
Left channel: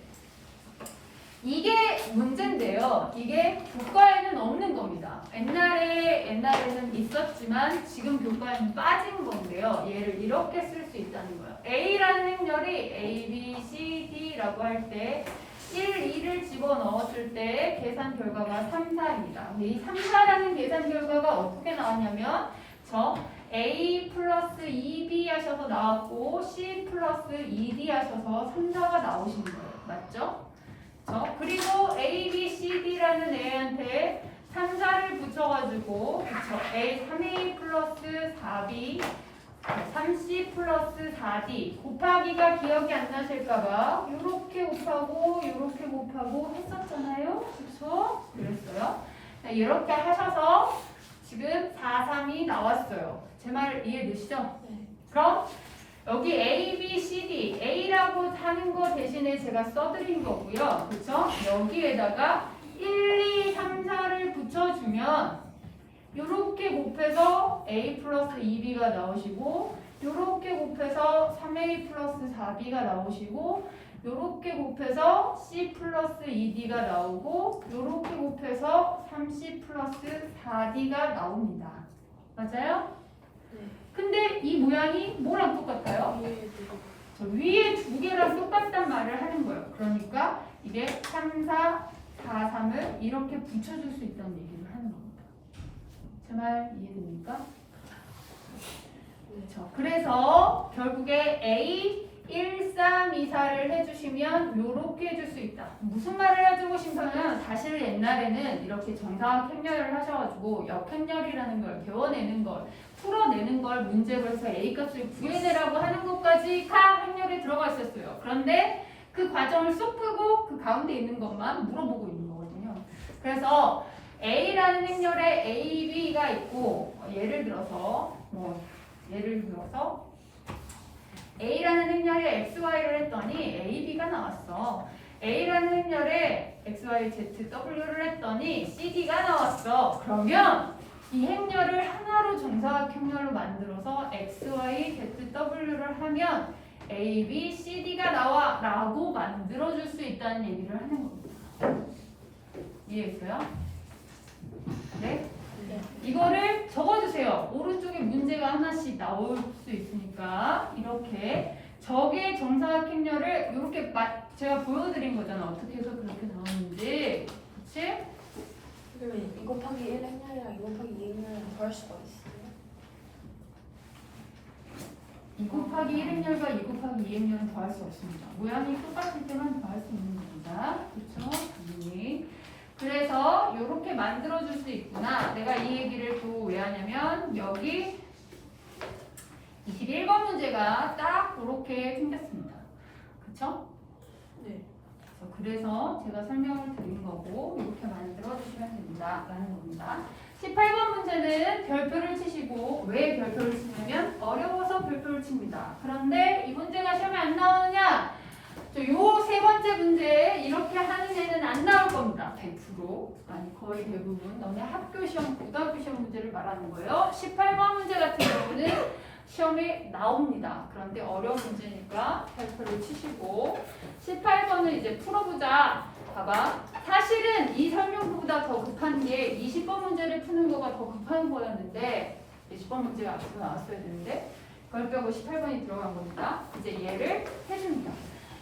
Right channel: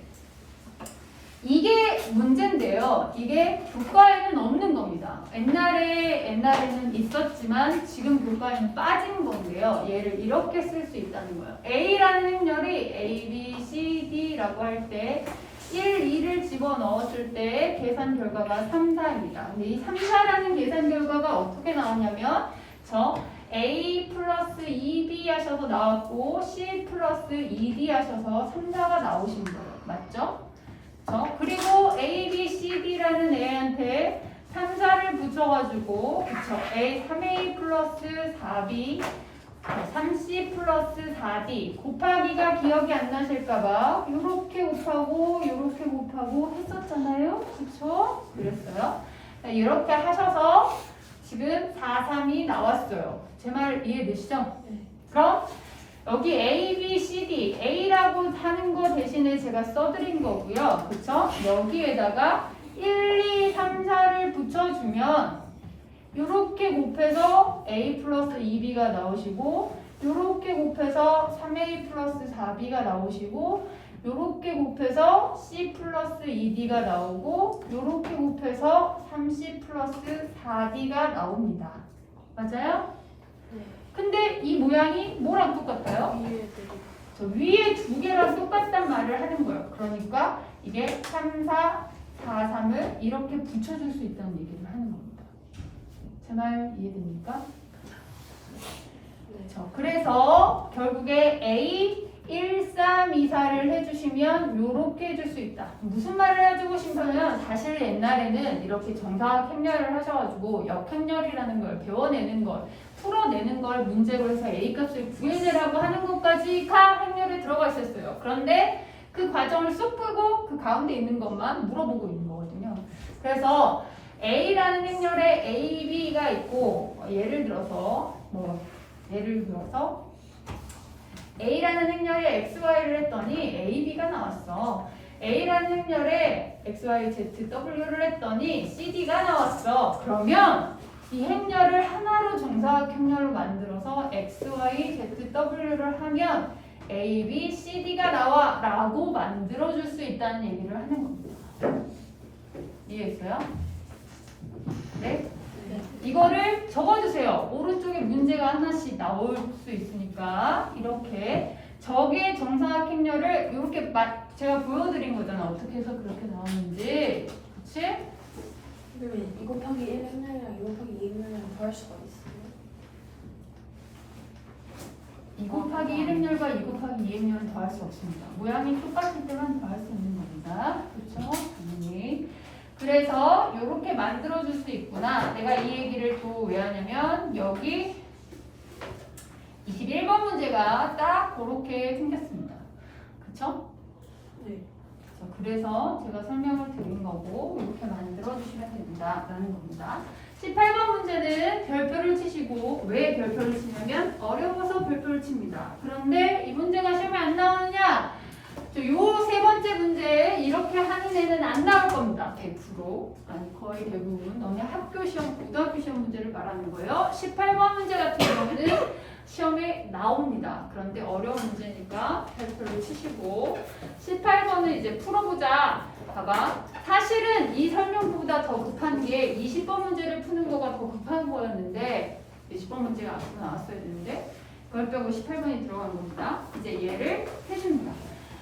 이게 문제인데요. 이게 교과에는 없는 겁니다. 옛날에는 있었지만 지금 교과에는 빠진 건데요. 얘를 이렇게 쓸 수 있다는 거예요. A라는 행렬이 A, B, C, D라고 할 때 1, 2를 집어넣었을 때 계산 결과가 3, 4입니다. 근데 이 3, 4라는 계산 결과가 어떻게 나왔냐면 저 A 플러스 2B 하셔서 나왔고 C 플러스 2D 하셔서 3, 4가 나오신 거예요. 맞죠? 그리고 A, B, C, D라는 애한테 3, 4를 붙여가지고 그쵸? A 3A 플러스 4B 3C 플러스 4D 곱하기가 기억이 안 나실까봐 요렇게 곱하고 요렇게 곱하고 했었잖아요. 그쵸? 그랬어요. 이렇게 하셔서 지금 4, 3이 나왔어요. 제 말 이해되시죠? 그럼 여기 A, B, C, D A라고 하는 거 대신에 제가 써드린 거고요. 그쵸? 여기에다가 1, 2, 3, 4를 붙여주면 요렇게 곱해서 A 플러스 2B가 나오시고 요렇게 곱해서 3A 플러스 4B가 나오시고 요렇게 곱해서 C 플러스 2D가 나오고 요렇게 곱해서 3C 플러스 4D가 나옵니다. 맞아요? 네. 근데 이 모양이 뭐랑 똑같아요? 저 위에 두 개랑 똑같단 말을 하는 거예요. 그러니까 이게 3, 4, 4, 3을 이렇게 붙여줄 수 있다는 얘기를 하는 겁니다. 제 말 이해됩니까? 그래서 결국에 A 1, 3, 2, 4를 해주시면 요렇게 해줄 수 있다. 무슨 말을 해주고 싶으면 사실 옛날에는 이렇게 정사각 행렬을 하셔가지고 역행렬이라는 걸 배워내는 걸 풀어내는 걸 문제로 해서 A 값을 구해내라고 하는 것까지 다 행렬에 들어가 있었어요. 그런데 그 과정을 쏙 풀고 그 가운데 있는 것만 물어보고 있는 거거든요. 그래서 A라는 행렬에 A, B가 있고 예를 들어서 A라는 행렬에 XY를 했더니 AB가 나왔어. A라는 행렬에 XY, Z, W를 했더니 CD가 나왔어. 그러면 이 행렬을 하나로 정사각 행렬로 만들어서 XY, Z, W를 하면 A, B, C, D가 나와 라고 만들어줄 수 있다는 얘기를 하는 겁니다. 이해했어요? 네? 이거를 적어주세요. 오른쪽에 문제가 하나씩 나올 수 있으니까 이렇게 적의 정사각 행렬을 이렇게 제가 보여드린 거잖아. 어떻게 해서 그렇게 나오는지. 그치? 그러면 2 곱하기 1 행렬이랑 2 곱하기 2 행렬이랑 더할 수가 있어요? 2 곱하기 1행렬과 2 곱하기 2행렬은 더할 수 없습니다. 모양이 똑같을 때만 더할 수 있는 겁니다. 그렇죠? 당연히. 그래서 이렇게 만들어줄 수 있구나. 내가 이 얘기를 또 왜 하냐면 여기 21번 문제가 딱 그렇게 생겼습니다. 그쵸? 네. 그래서 제가 설명을 드린 거고 이렇게 만들어주시면 된다라는 겁니다. 18번 문제는 별표를 치시고 왜 별표를 치냐면 어려워서 별표를 칩니다. 그런데 이 문제가 시험에 안 나오느냐? 요 세 번째 문제 이렇게 하는 애는 안 나올 겁니다. 100% 아니 거의 대부분 너네 학교 시험, 고등학교 시험 문제를 말하는 거예요. 18번 문제 같은 경우는 시험에 나옵니다. 그런데 어려운 문제니까 별표를 치시고 18번은 이제 풀어보자. 봐봐. 사실은 이 설명보다 더 급한 게 20번 문제를 푸는 거가 더 급한 거였는데 20번 문제가 앞으로 나왔어야 되는데 그걸 빼고 18번이 들어간 겁니다. 이제 얘를 해줍니다.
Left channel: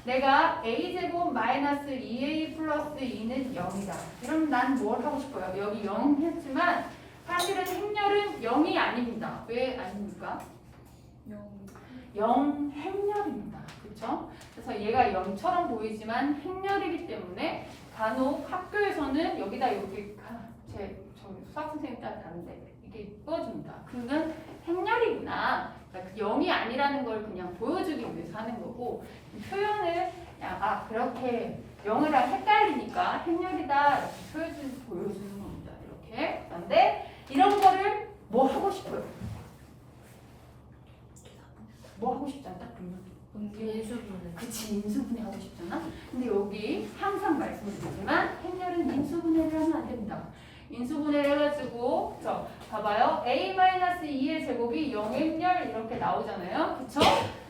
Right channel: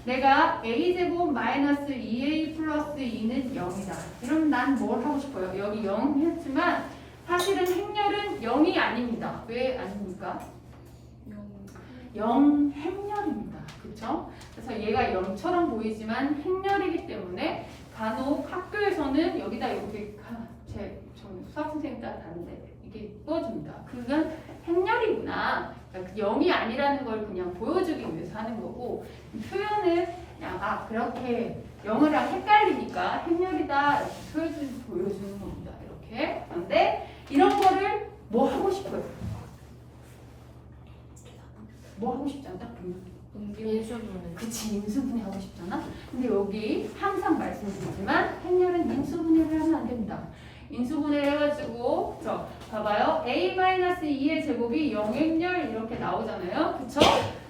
내가 a제곱 마이너스 2a 플러스 2는 0이다. 그럼 난 뭘 하고 싶어요? 여기 0 했지만 사실은 행렬은 0이 아닙니다. 왜 아닙니까? 0 행렬입니다. 그쵸? 그래서 얘가 0처럼 보이지만 행렬이기 때문에 간혹 학교에서는 여기다 이렇게 저희 수학 선생님 따라 다른데 이게 뽑아줍니다. 그건 행렬이구나 그러니까 0이 아니라는 걸 그냥 보여주기 위해서 하는 거고 표현을 그냥 그렇게 0이랑 헷갈리니까 행렬이다 이렇게 보여주는 겁니다. 이렇게. 그런데 이런 거를 뭐 하고 싶어요? 뭐 하고 싶잖아. 인수분해. 그치, 인수분해 하고 싶잖아. 근데 여기 항상 말씀드리지만 행렬은 인수분해를 하면 안 됩니다. 인수분해를 해가지고 봐봐요. a-2의 제곱이 0행렬 이렇게 나오잖아요. 그쵸?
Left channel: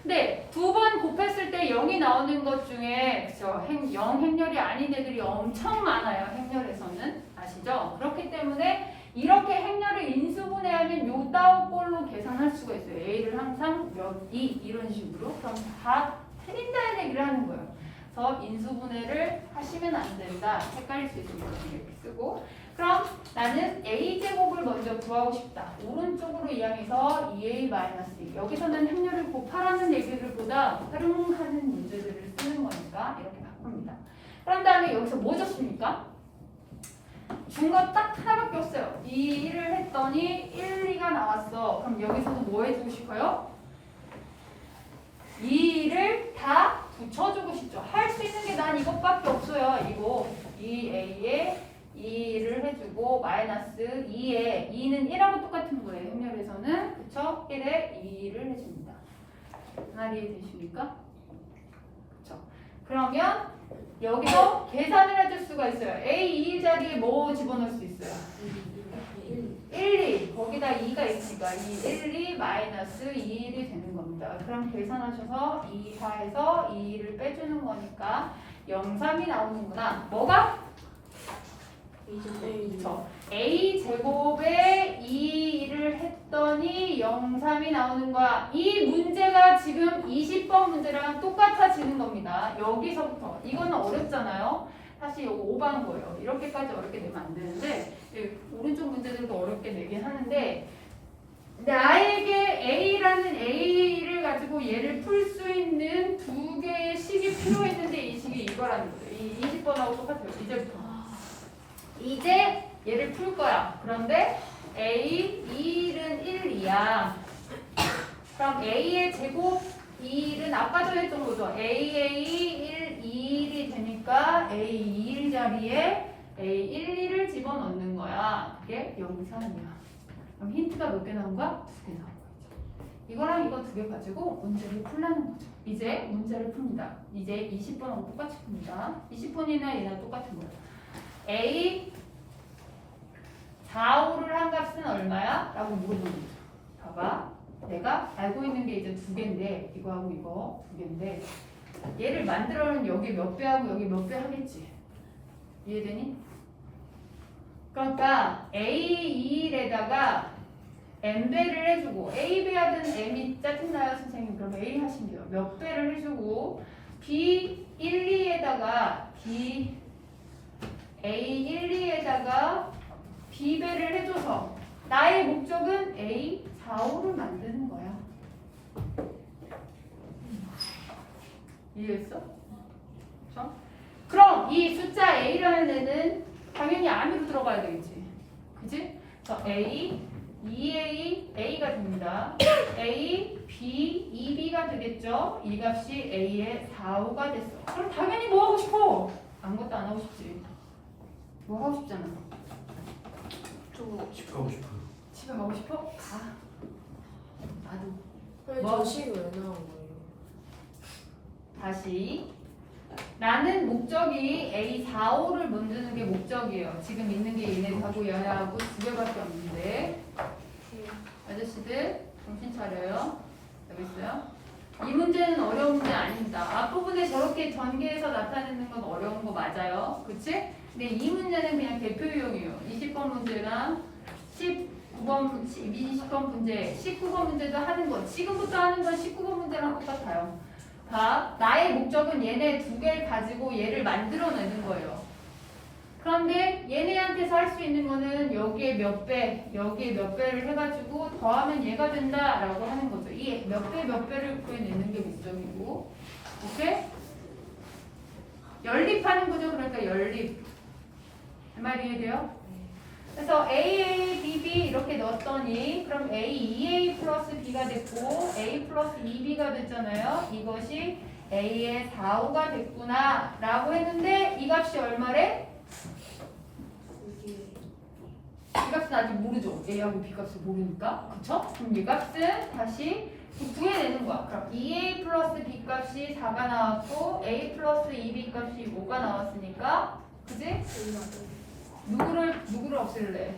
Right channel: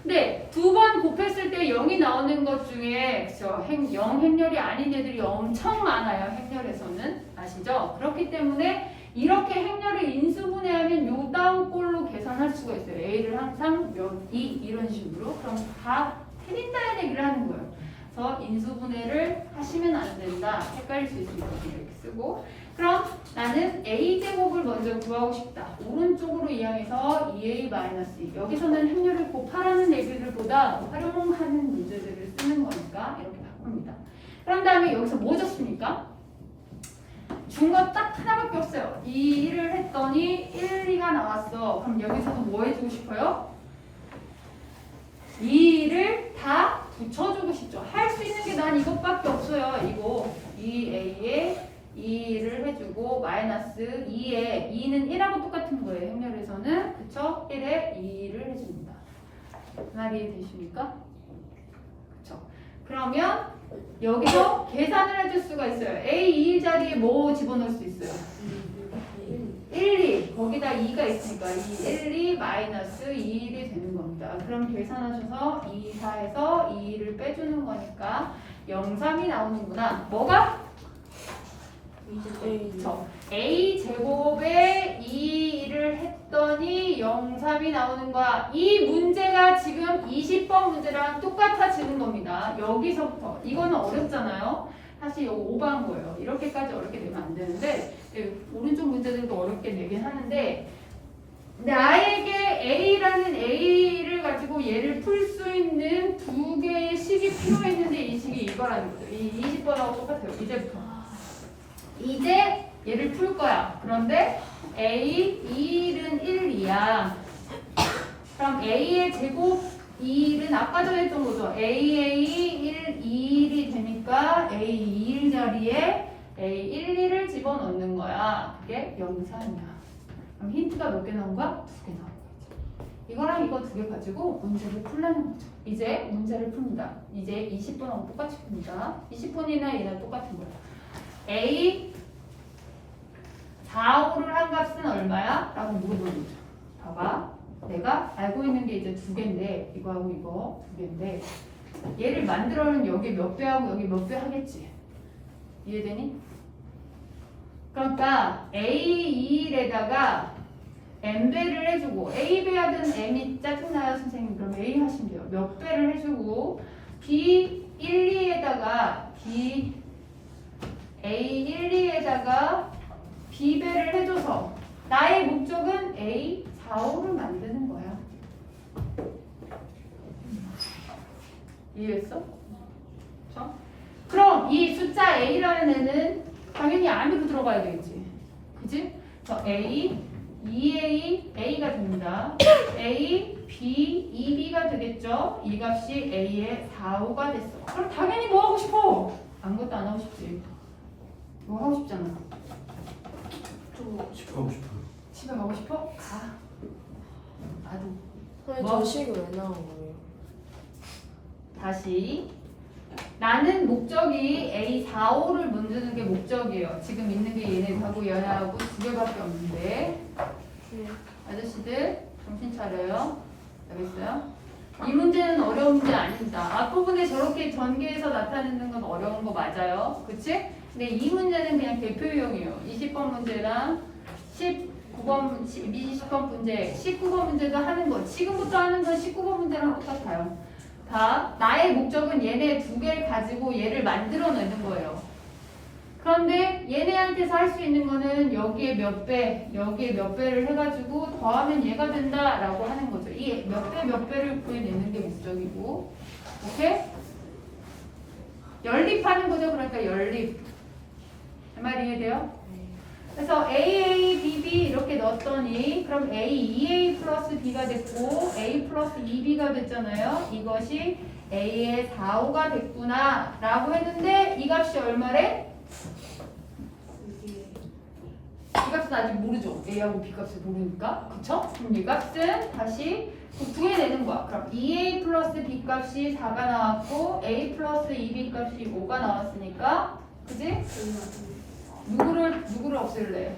근데 두 번 곱했을 때 0이 나오는 것 중에 그쵸? 0행렬이 아닌 애들이 엄청 많아요. 행렬에서는. 아시죠? 그렇기 때문에 이렇게 행렬을 인수분해하면 요 따오 꼴로 계산할 수가 있어요. a를 항상 몇, 2 이런 식으로. 그럼 다 틀린다는 얘기를 하는 거예요. 그래서 인수분해를 하시면 안 된다. 헷갈릴 수 있으니까 이렇게 쓰고. 그럼 나는 a제곱을 먼저 구하고 싶다. 오른쪽으로 이항해서 2a-2. 여기서는 행렬을 곱하라는 얘기를 보다 활용하는 문제들을 쓰는 거니까 이렇게 바꿉니다. 그런 다음에 여기서 뭐 줬습니까? 준 거 딱 하나밖에 없어요. 2를 했더니 1, 2가 나왔어. 그럼 여기서도 뭐 해주고 싶어요? 2를 다 붙여주고 싶죠. 할 수 있는 게 난 이것밖에 없어요. 이거 2a에 2를 해주고 마이너스 2에 2는 1하고 똑같은 거예요. 행렬에서는 그쵸? 1에 2를 해줍니다. 하나 이해되십니까? 그쵸? 그러면 여기서 계산을 해줄 수가 있어요. a 2 자리에 뭐 집어넣을 수 있어요? 1, 2 거기다 2가 있으니까 이 1, 2 마이너스 2, 1이 되는 겁니다. 그럼 계산하셔서 2, 4에서 2를 빼주는 거니까 0, 3이 나오는구나. 뭐가? 그쵸. a 제곱에 2를 했더니 0, 3이 나오는 거야. 이 문제가 지금 20번 문제랑 똑같아지는 겁니다. 여기서부터. 이거는 어렵잖아요. 사실 이거 오버한 거예요. 이렇게까지 어렵게 내면 안 되는데 오른쪽 문제들도 어렵게 내긴 하는데 나에게 A라는 A를 가지고 얘를 풀 수 있는 두 개의 식이 필요했는데 이 식이 이거라는 거죠. 이 20번하고 똑같아요. 이제부터. 이제 얘를 풀 거야. 그런데 A, 2는 1, 2야. 그럼 A의 제곱 2는 아까 전에 했던 거죠. AA 1, 2이 되니까 A 2 자리에 A 1, 2를 집어넣는 거야. 그게 0, 3이야. 그럼 힌트가 몇 개 나온 거야? 2개 나온 거죠. 이거랑 이거 두 개 가지고 문제를 풀라는 거죠. 이제 문제를 풉니다. 이제 20번하고 똑같이 풉니다. 20번이나 얘나 똑같은 거야. A 4, 5를 한 값은 얼마야? 라고 물어보는 거죠. 봐봐. 내가 알고 있는 게 이제 두 개인데 이거하고 이거 두 개인데 얘를 만들어는 여기 몇 배하고 여기 몇 배 하겠지. 이해되니? 그러니까 A2에다가 M배를 해주고 A배 하든 M이 짜증나요 선생님. 그럼 A 하시면 돼요. 몇 배를 해주고 B12에다가 A12에다가 B배를 해줘서 나의 목적은 A45를 만드는 거야. 이해했어? 그렇죠? 그럼 이 숫자 A라는 애는 당연히 안으로 들어가야 되겠지. 그지? 저 A, 2A, A가 됩니다. A, B, 2B가 되겠죠? 이 값이 A의 4, 5가 됐어. 그럼 당연히 뭐 하고 싶어? 아무것도 안 하고 싶지. 뭐 하고 싶잖아. 집 가고 싶어요. 집에 가고 싶어? 가. 나도. 저 식이 왜 나온 거예요? 다시. 나는 목적이 A4, 5를 만드는 게 목적이에요. 지금 있는 게 얘네하고 얘하고 두 개밖에 없는데. 아저씨들 정신 차려요. 알겠어요? 이 문제는 어려운 문제 아닙니다. 앞부분에 저렇게 전개해서 나타내는 건 어려운 거 맞아요. 그치? 근데 이 문제는 그냥 대표용이에요. 20번 문제랑 19번, 20번 문제, 19번 문제도 하는 건 지금부터 하는 건 19번 문제랑 똑같아요. 다 나의 목적은 얘네 두 개를 가지고 얘를 만들어내는 거예요. 그런데 얘네한테서 할 수 있는 거는 여기에 몇 배, 여기에 몇 배를 해가지고 더하면 얘가 된다라고 하는 거죠. 이 몇 배, 몇 배를 구해내는 게 목적이고, 오케이? 연립하는 거죠. 그러니까 연립. 할 말이 이해돼요? 그래서 A, B, B 이렇게 넣었더니 그럼 A, 2A 플러스 B가 됐고 A 플러스 2B가 됐잖아요. 이것이 A의 4, 5가 됐구나 라고 했는데 이 값이 얼마래? 이 값은 아직 모르죠. A하고 B 값을 모르니까. 그쵸? 그럼 이 값은 다시 구해내는 거야. 그럼 2A 플러스 B 값이 4가 나왔고 A 플러스 2B 값이 5가 나왔으니까 그지? 누구를 없앨래?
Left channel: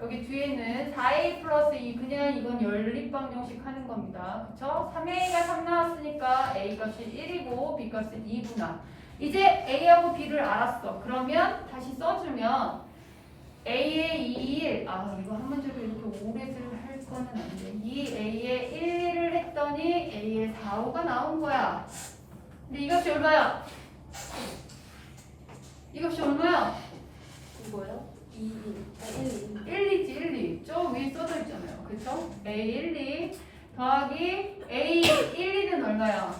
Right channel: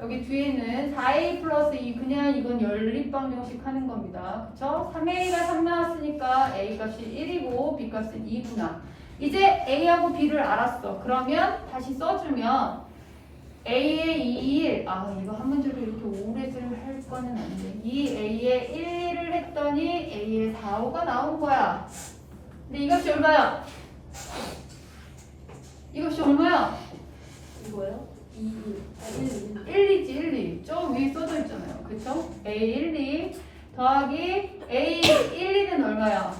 여기 뒤에는 4A 플러스 2 그냥 이건 연립방정식 하는 겁니다. 그쵸? 3A가 3 나왔으니까 A 값이 1이고 B 값은 2구나. 이제 A하고 B를 알았어. 그러면 다시 써주면 A의 2, 1 이거 한 문제로 이렇게 오래를 할 거는 안 돼. 2A의 1, 2를 했더니 A의 4, 5가 나온 거야. 근데 이것이 얼마야? 이것이 얼마야? 이거요? 1, 2지 1, 2. 저 위에 써져 있잖아요. 그쵸? A 1, 2 더하기 A 1, 2는 얼마야?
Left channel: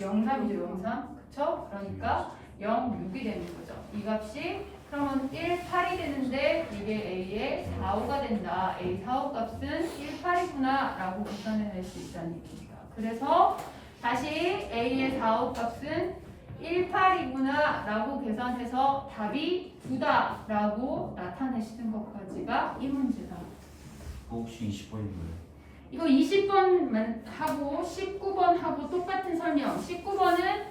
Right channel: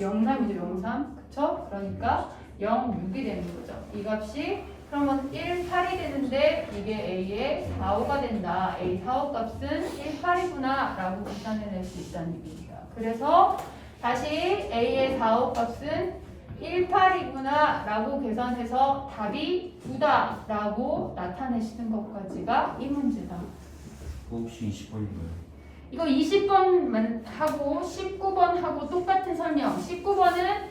0, 3이죠. 0, 3. 그쵸? 그러니까 0, 6이 되는 거죠. 이 값이 그러면 1, 8이 되는데 이게 A의 4, 5가 된다. A 4, 5 값은 1, 8이구나 라고 계산해낼 수 있다는 얘기입니다. 그래서 다시 A의 4, 5 값은 1, 8이구나 라고 계산해서 답이 9다 라고 나타내시는 것까지가 이 문제다. 혹시 20번인가요? 이거 20번 하고 19번 하고 똑같은 설명. 19번은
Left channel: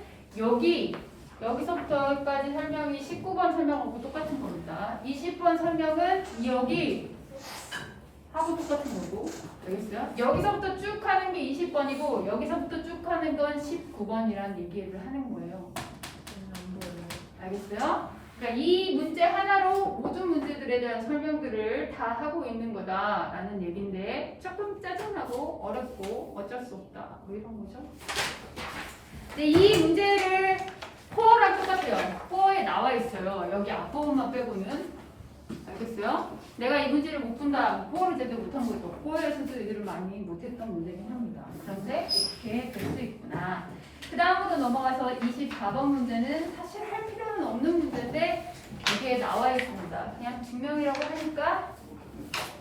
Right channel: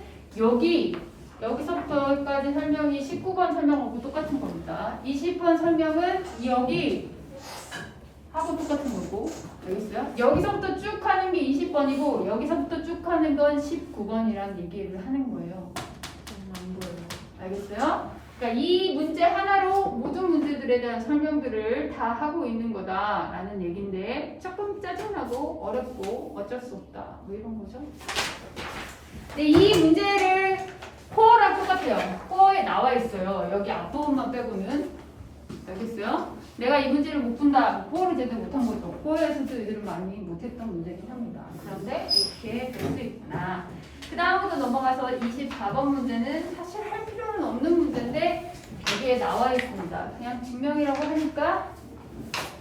여기서부터까지 설명이 19번 설명하고 똑같은 겁니다. 20번 설명은 여기 하고 똑같은 거고. 알겠어요? 여기서부터 쭉 하는 게 20번이고 여기서부터 쭉 하는 건 19번이라는 얘기를 하는 거예요. 알겠어요? 그러니까 이 문제 하나로 모든 문제들에 대한 설명들을 다 하고 있는 거다라는 얘기인데 조금 짜증나고 어렵고 어쩔 수 없다. 뭐 이런 거죠. 근데 이 문제를 코어랑 똑같아요. 코어에 나와 있어요. 여기 앞부분만 빼고는. 알겠어요? 내가 이 문제를 못 푼다. 코어를 제대로 못한 거죠. 코어에서도 이들을 많이 못했던 문제긴 합니다. 그런데 이렇게 될 수 있구나. 그 다음으로 넘어가서 24번 문제는 사실 할 필요는 없는 문제인데 여기에 나와 있습니다. 그냥 증명이라고 하니까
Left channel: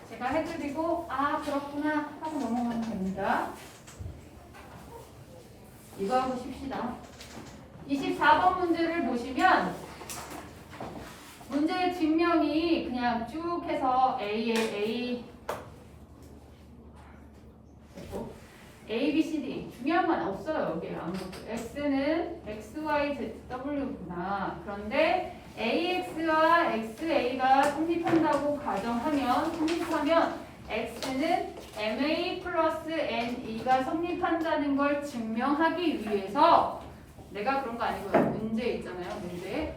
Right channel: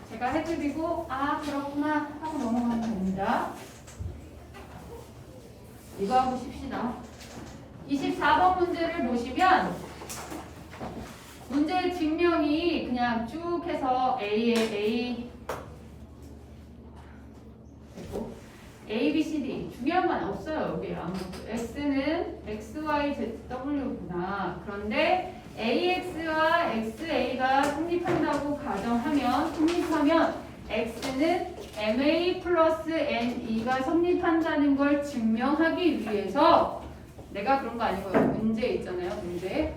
제가 해드리고 그렇구나 하고 넘어가면 됩니다. 이거 하고 쉽시다. 24번 문제를 보시면 문제의 증명이 그냥 쭉 해서 A에 A 됐고 A, B, C, D 중요한 건 없어요. 여기 아무것도. X는 X, Y, Z, W구나. 그런데 AX와 XA가 성립한다고 성립하면 X는 MA 플러스 NE가 성립한다는 걸 증명하기 위해서 내가 그런 거 아니고요. 문제 있잖아요. 문제.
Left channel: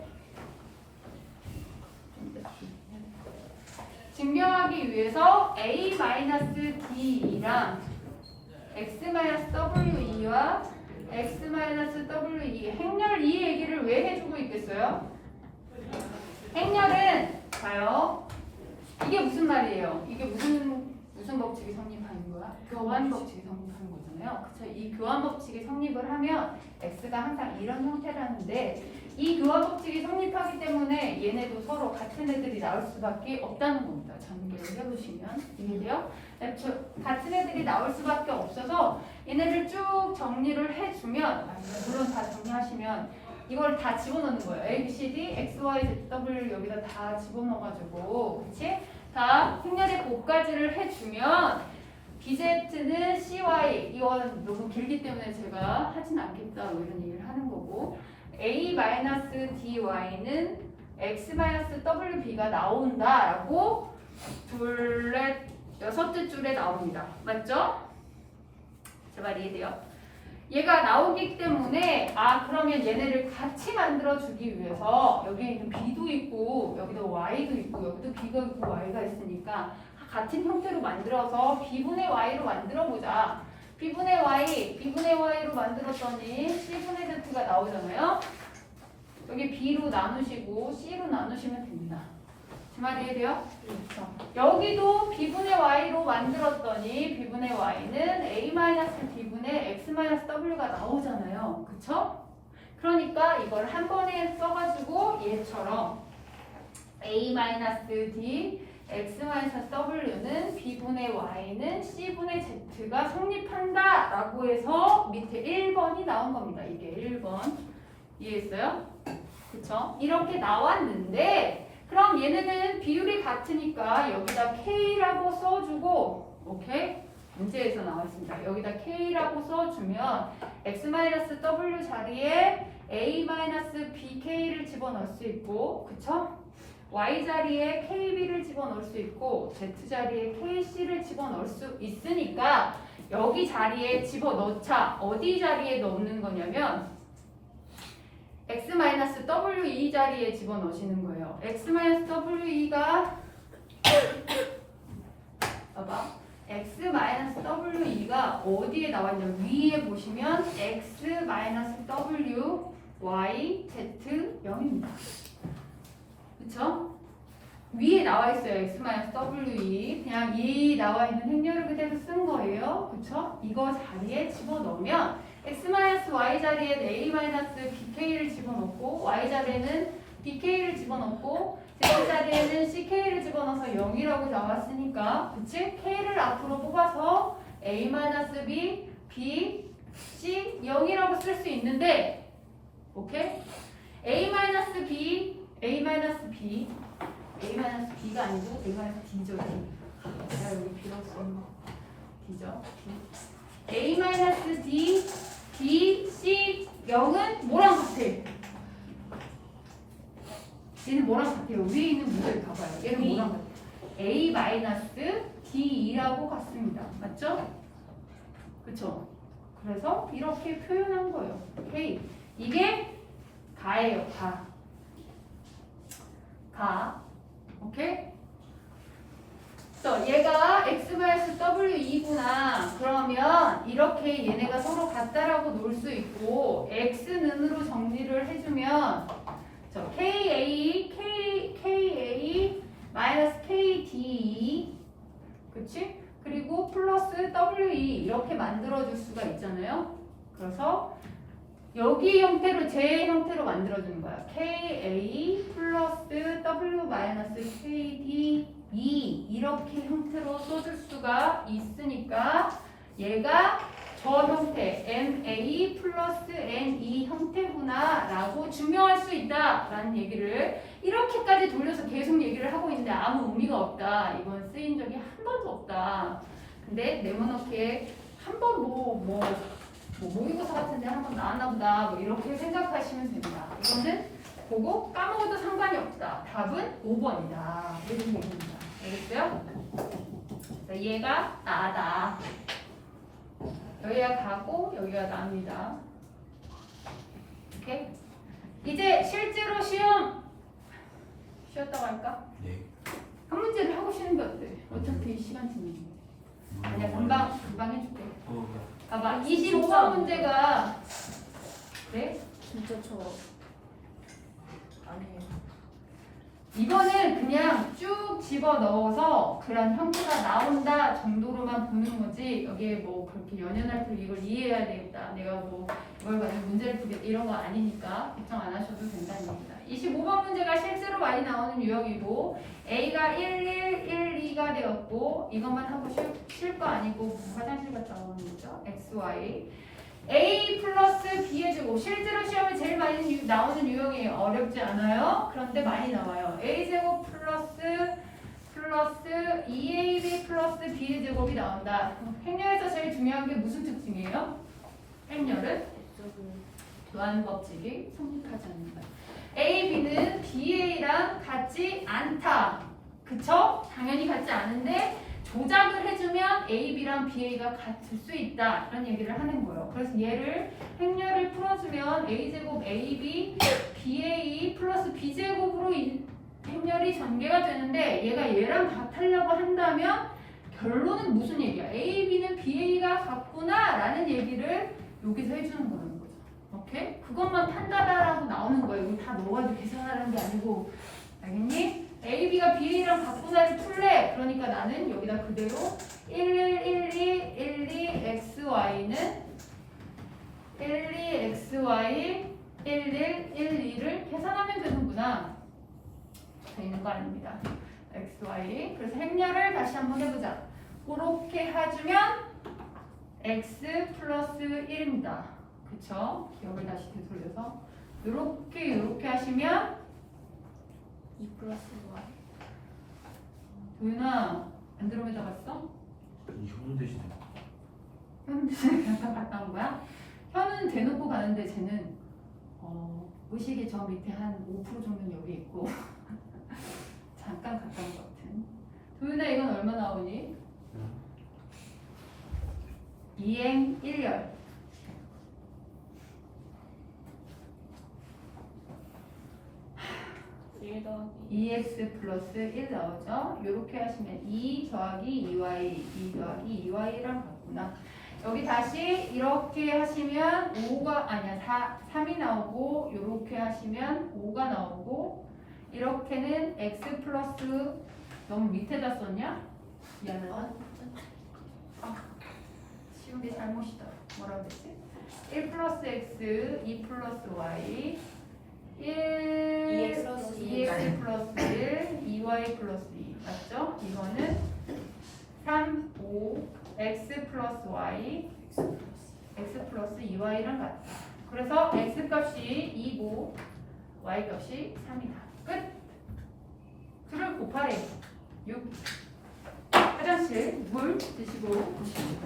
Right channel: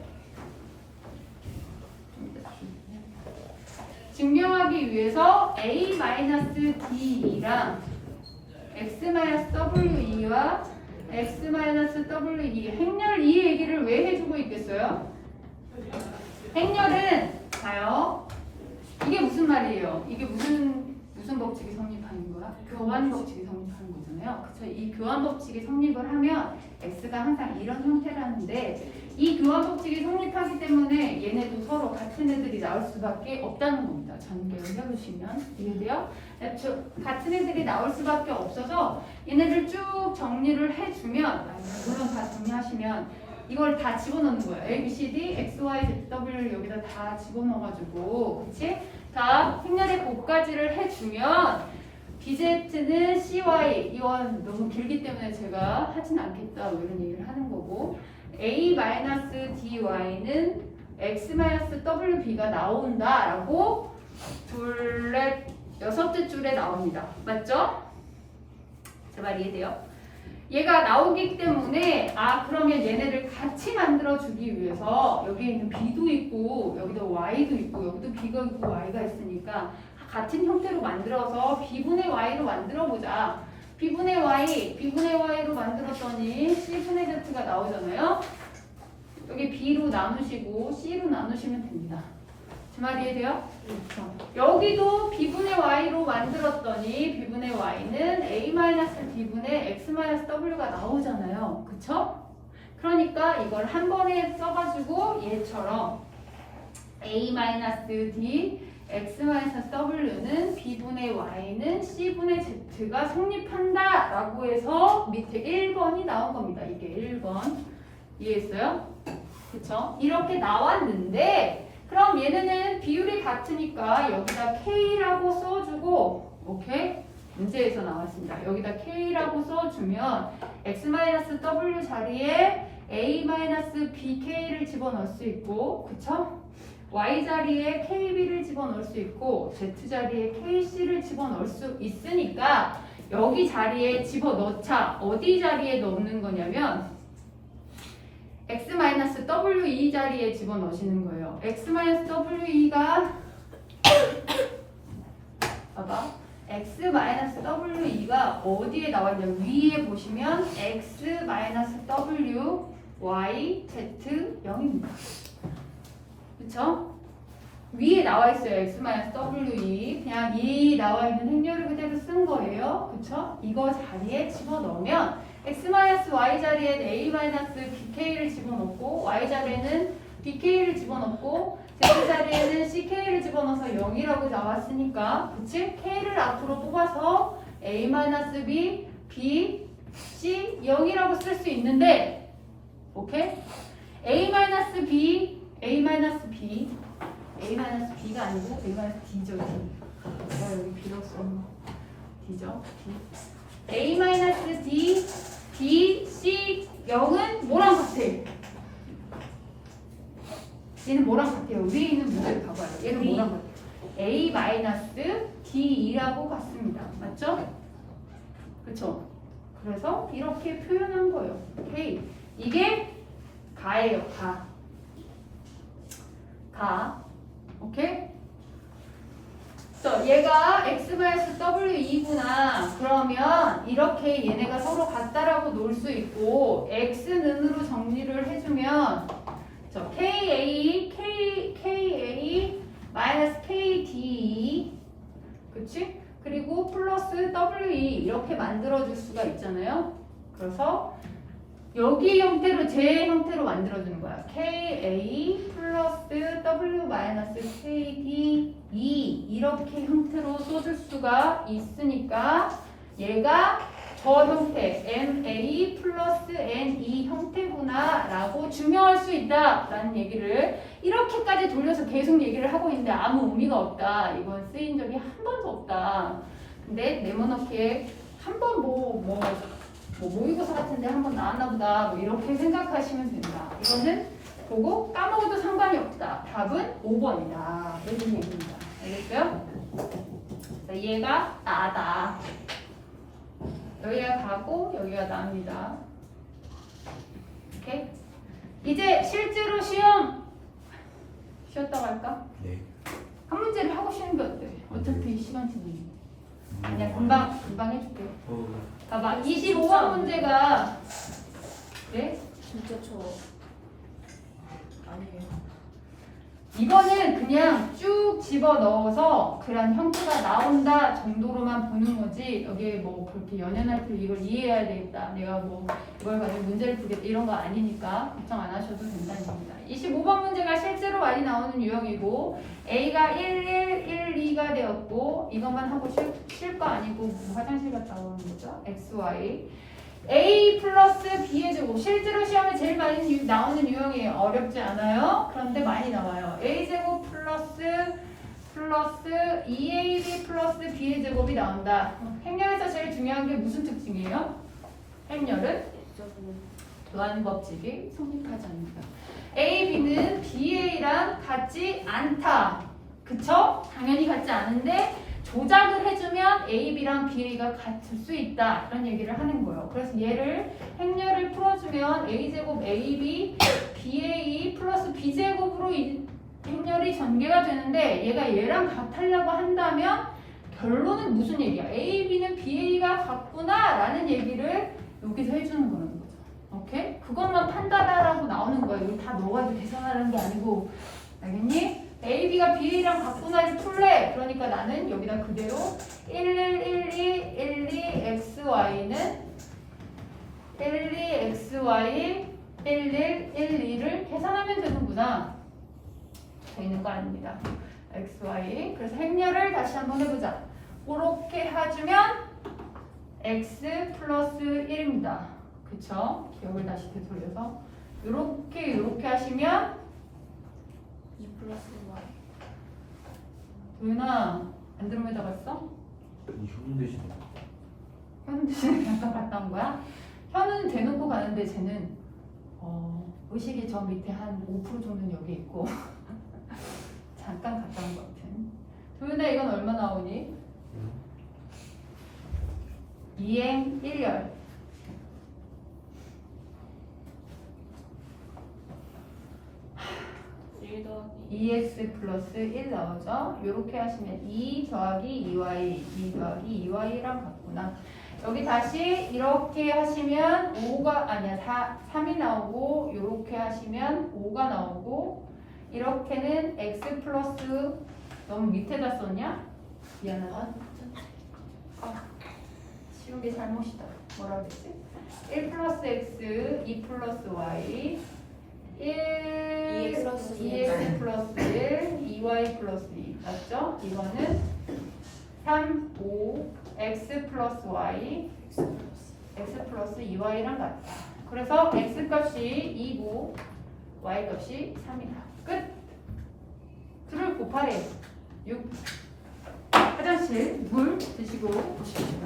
증명하기 위해서 A-DE랑 X-WE와 X-WE 행렬 이 얘기를 왜 해주고 있겠어요? 행렬은 봐요. 이게 무슨 말이에요? 이게 무슨 법칙이 성립하는 거야? 교환 법칙이 성립하는 거잖아요. 그쵸? 이 교환 법칙이 성립을 하면 X가 항상 이런 형태라는데 이 교환 법칙이 성립하기 때문에 얘네도 서로 같은 애들이 나올 수밖에 없다는 겁니다. 전개를 해보시면 이해돼요? 같은 애들이 나올 수밖에 없어서 얘네를 쭉 정리를 해주면 물론 다 정리하시면 이걸 다 집어넣는 거예요. A, B, C, D, X, Y, Z, W 여기다 다 집어넣어가지고 그치? 다 행렬의 곱까지를 해주면 BZ는 CY 이건 너무 길기 때문에 제가 하진 않겠다 뭐 이런 얘기를 하는 거고 A-DY는 X-WB가 나온다라고 여섯째 줄에 나옵니다. 맞죠? 제 말 이해돼요? 얘가 나오기 때문에 그러면 얘네를 같이 만들어주기 위해서 여기에는 B도 있고 여기도 Y도 있고 여기도 B가 있고 Y가 있으니까 같은 형태로 만들어서 B분의 Y로 만들어보자. B분의 Y로 만들었더니 C분의 Z가 나오잖아요. 여기 B로 나누시고 C로 나누시면 됩니다. 제 말 이해돼요? 그렇죠. 여기도 B분의 Y로 만들었더니 B분의 Y는 A-B분의 X-W가 나오잖아요. 그쵸? 그러니까 이걸 한 번에 써가지고 얘처럼 A-D x-w는 b분의 y는 c분의 z가 성립한다 라고 해서 밑에 1번이 나온 겁니다. 이게 1번 이해했어요? 그쵸? 이렇게 나왔는데 그럼 얘네는 비율이 같으니까 여기다 k라고 써주고 오케이? 문제에서 나왔습니다. 여기다 k라고 써주면 x-w 자리에 a-bk를 집어넣을 수 있고 그쵸? y 자리에 kb를 집어넣을 수 있고 z 자리에 kc를 집어넣을 수 있으니까 여기 자리에 집어넣자. 어디 자리에 넣는 거냐면 x-we 자리에 집어넣으시는 거예요. x-we가 봐봐. x-we가 어디에 나와 있냐면 위에 보시면 x-w y z 0입니다. 그쵸? 위에 나와 있어요. x-we. 그냥 이 나와 있는 행렬을 그대로 쓴 거예요. 그쵸? 이거 자리에 집어넣으면 x-y 자리에 a-bk를 집어넣고 y 자리에는 bk를 집어넣고 z 자리에는 ck를 집어넣어서 0이라고 나왔으니까 그치? k를 앞으로 뽑아서 a-b, b, c 0이라고 쓸 수 있는데 오케이? a-b가 아니고 a-d죠. 내가 여기 b라고 썼나? d죠. a-d, b, c 0은 뭐랑 같아? 얘는 뭐랑 같아요? 위에 있는 문제를 봐봐요. 얘는 뭐랑 같아? a-d2라고 같습니다. 맞죠? 그쵸? 그래서 이렇게 표현한 거예요. 오케이. 이게 가예요. 가. 오케이? 그래서 얘가 x-w2구나. 그러면 이렇게 얘네가 서로 같다라고 놓을 수 있고 x는으로 정리를 해주면 KA KD 그치? 그리고 플러스 WE 이렇게 만들어줄 수가 있잖아요. 그래서 여기 형태로 제 형태로 만들어주는 거야. KA 플러스 W KD E 이렇게 형태로 써줄 수가 있으니까 얘가 저 형태 NA 플러스 NE 형태구나 라고 증명할 수 있다 라는 얘기를 이렇게까지 돌려서 계속 얘기를 하고 있는데 아무 의미가 없다. 이건 쓰인 적이 한 번도 없다. 근데 네모나게 한 번 모의고사 같은데 한 번 나왔나 보다 뭐 이렇게 생각하시면 됩니다. 이거는 보고 까먹어도 상관이 없다. 답은 5번이다. 이런 얘기입니다. 알겠어요? 자, 얘가 나다. 여기가 가고 여기가 납니다. 오케이? 이제 실제로 시험 쉬었다 갈까? 네. 한 문제를 하고 쉬는 게 어때? 어차피 시간 중이니까. 아니야 금방 해줄게. 봐봐 25번 문제가 네? 진짜 저 아니에요. 이거는 그냥 쭉 집어넣어서 그런 형태가 나온다 정도로만 보는 거지 여기에 뭐 그렇게 연연할 필요 이걸 이해해야 되겠다 내가 뭐 이걸 가지고 문제를 풀겠다 이런 거 아니니까 걱정 안 하셔도 된다는 겁니다. 25번 문제가 실제로 많이 나오는 유형이고 A가 1, 1, 2가 되었고 이것만 하고 쉴 거 아니고 뭐 화장실 갔다 오는 거죠. X, Y A 플러스 B의 제곱 실제로 시험에 제일 많이 나오는 유형이에요. 어렵지 않아요. 그런데 많이 나와요. A 제곱 플러스 2AB 플러스 B의 제곱이 나온다. 행렬에서 제일 중요한 게 무슨 특징이에요? 행렬은 교환 법칙이 성립하지 않는다. A, B는 BA랑 같지 않다. 그쵸? 당연히 같지 않은데 조작을 해주면 A, B랑 BA가 같을 수 있다. 이런 얘기를 하는 거예요. 그래서 얘를 행렬을 풀어주면 A제곱 AB, BA 플러스 B제곱으로 행렬이 전개가 되는데 얘가 얘랑 같으려고 한다면 결론은 무슨 얘기야? A, B는 BA가 같구나 라는 얘기를 여기서 해주는 거는 거죠. 오케이? 그것만 판단하라고 나오는 거예요. 이거 다 넣어가지고 계산하는 게 아니고 알겠니? A, B가 BA랑 같구나 해서 풀래. 그러니까 나는 여기다 그대로 11, 12, XY는 12XY 11, 12를 계산하면 되는구나. 돼 있는 거 아닙니다. x, y. 그래서 행렬을 다시 한번 해보자. 그렇게 해주면 x 플러스 1입니다. 그쵸? 기억을 다시 되돌려서 요렇게 하시면 2 플러스 y. 도윤아 안드로메다 봤어? 이 현우 대신에 현은 대신에 잠깐 갔다 온 거야? 현은 대놓고 가는데 쟤는 의식이 저 밑에 한 5% 정도는 여기 있고 잠깐 갔다 온 것 같은. 도윤아 이건 얼마 나오니? 2행 1열. 1 더하기 2x 플러스 1 나오죠? 이렇게 하시면 2 더하기 2y, 2 더하기 2y랑 같구나. 여기 다시 이렇게 하시면 5가 아니야 3이 나오고 이렇게 하시면 5가 나오고 이렇게는 x 플러스 너무 밑에다 썼냐? 미안하다. 지운 게 잘못이다. 뭐라 그랬지? 1 플러스 x, 2 플러스 y 2x 플러스 1, 2y 플러스 2 맞죠? 이거는 3, 5, x 플러스 y, x 플러스 2y랑 같다. 그래서 x 값이 2고 y 값이 3이다. 끝! 둘을 곱하래요. 6. 화장실 물 드시고 오십시오.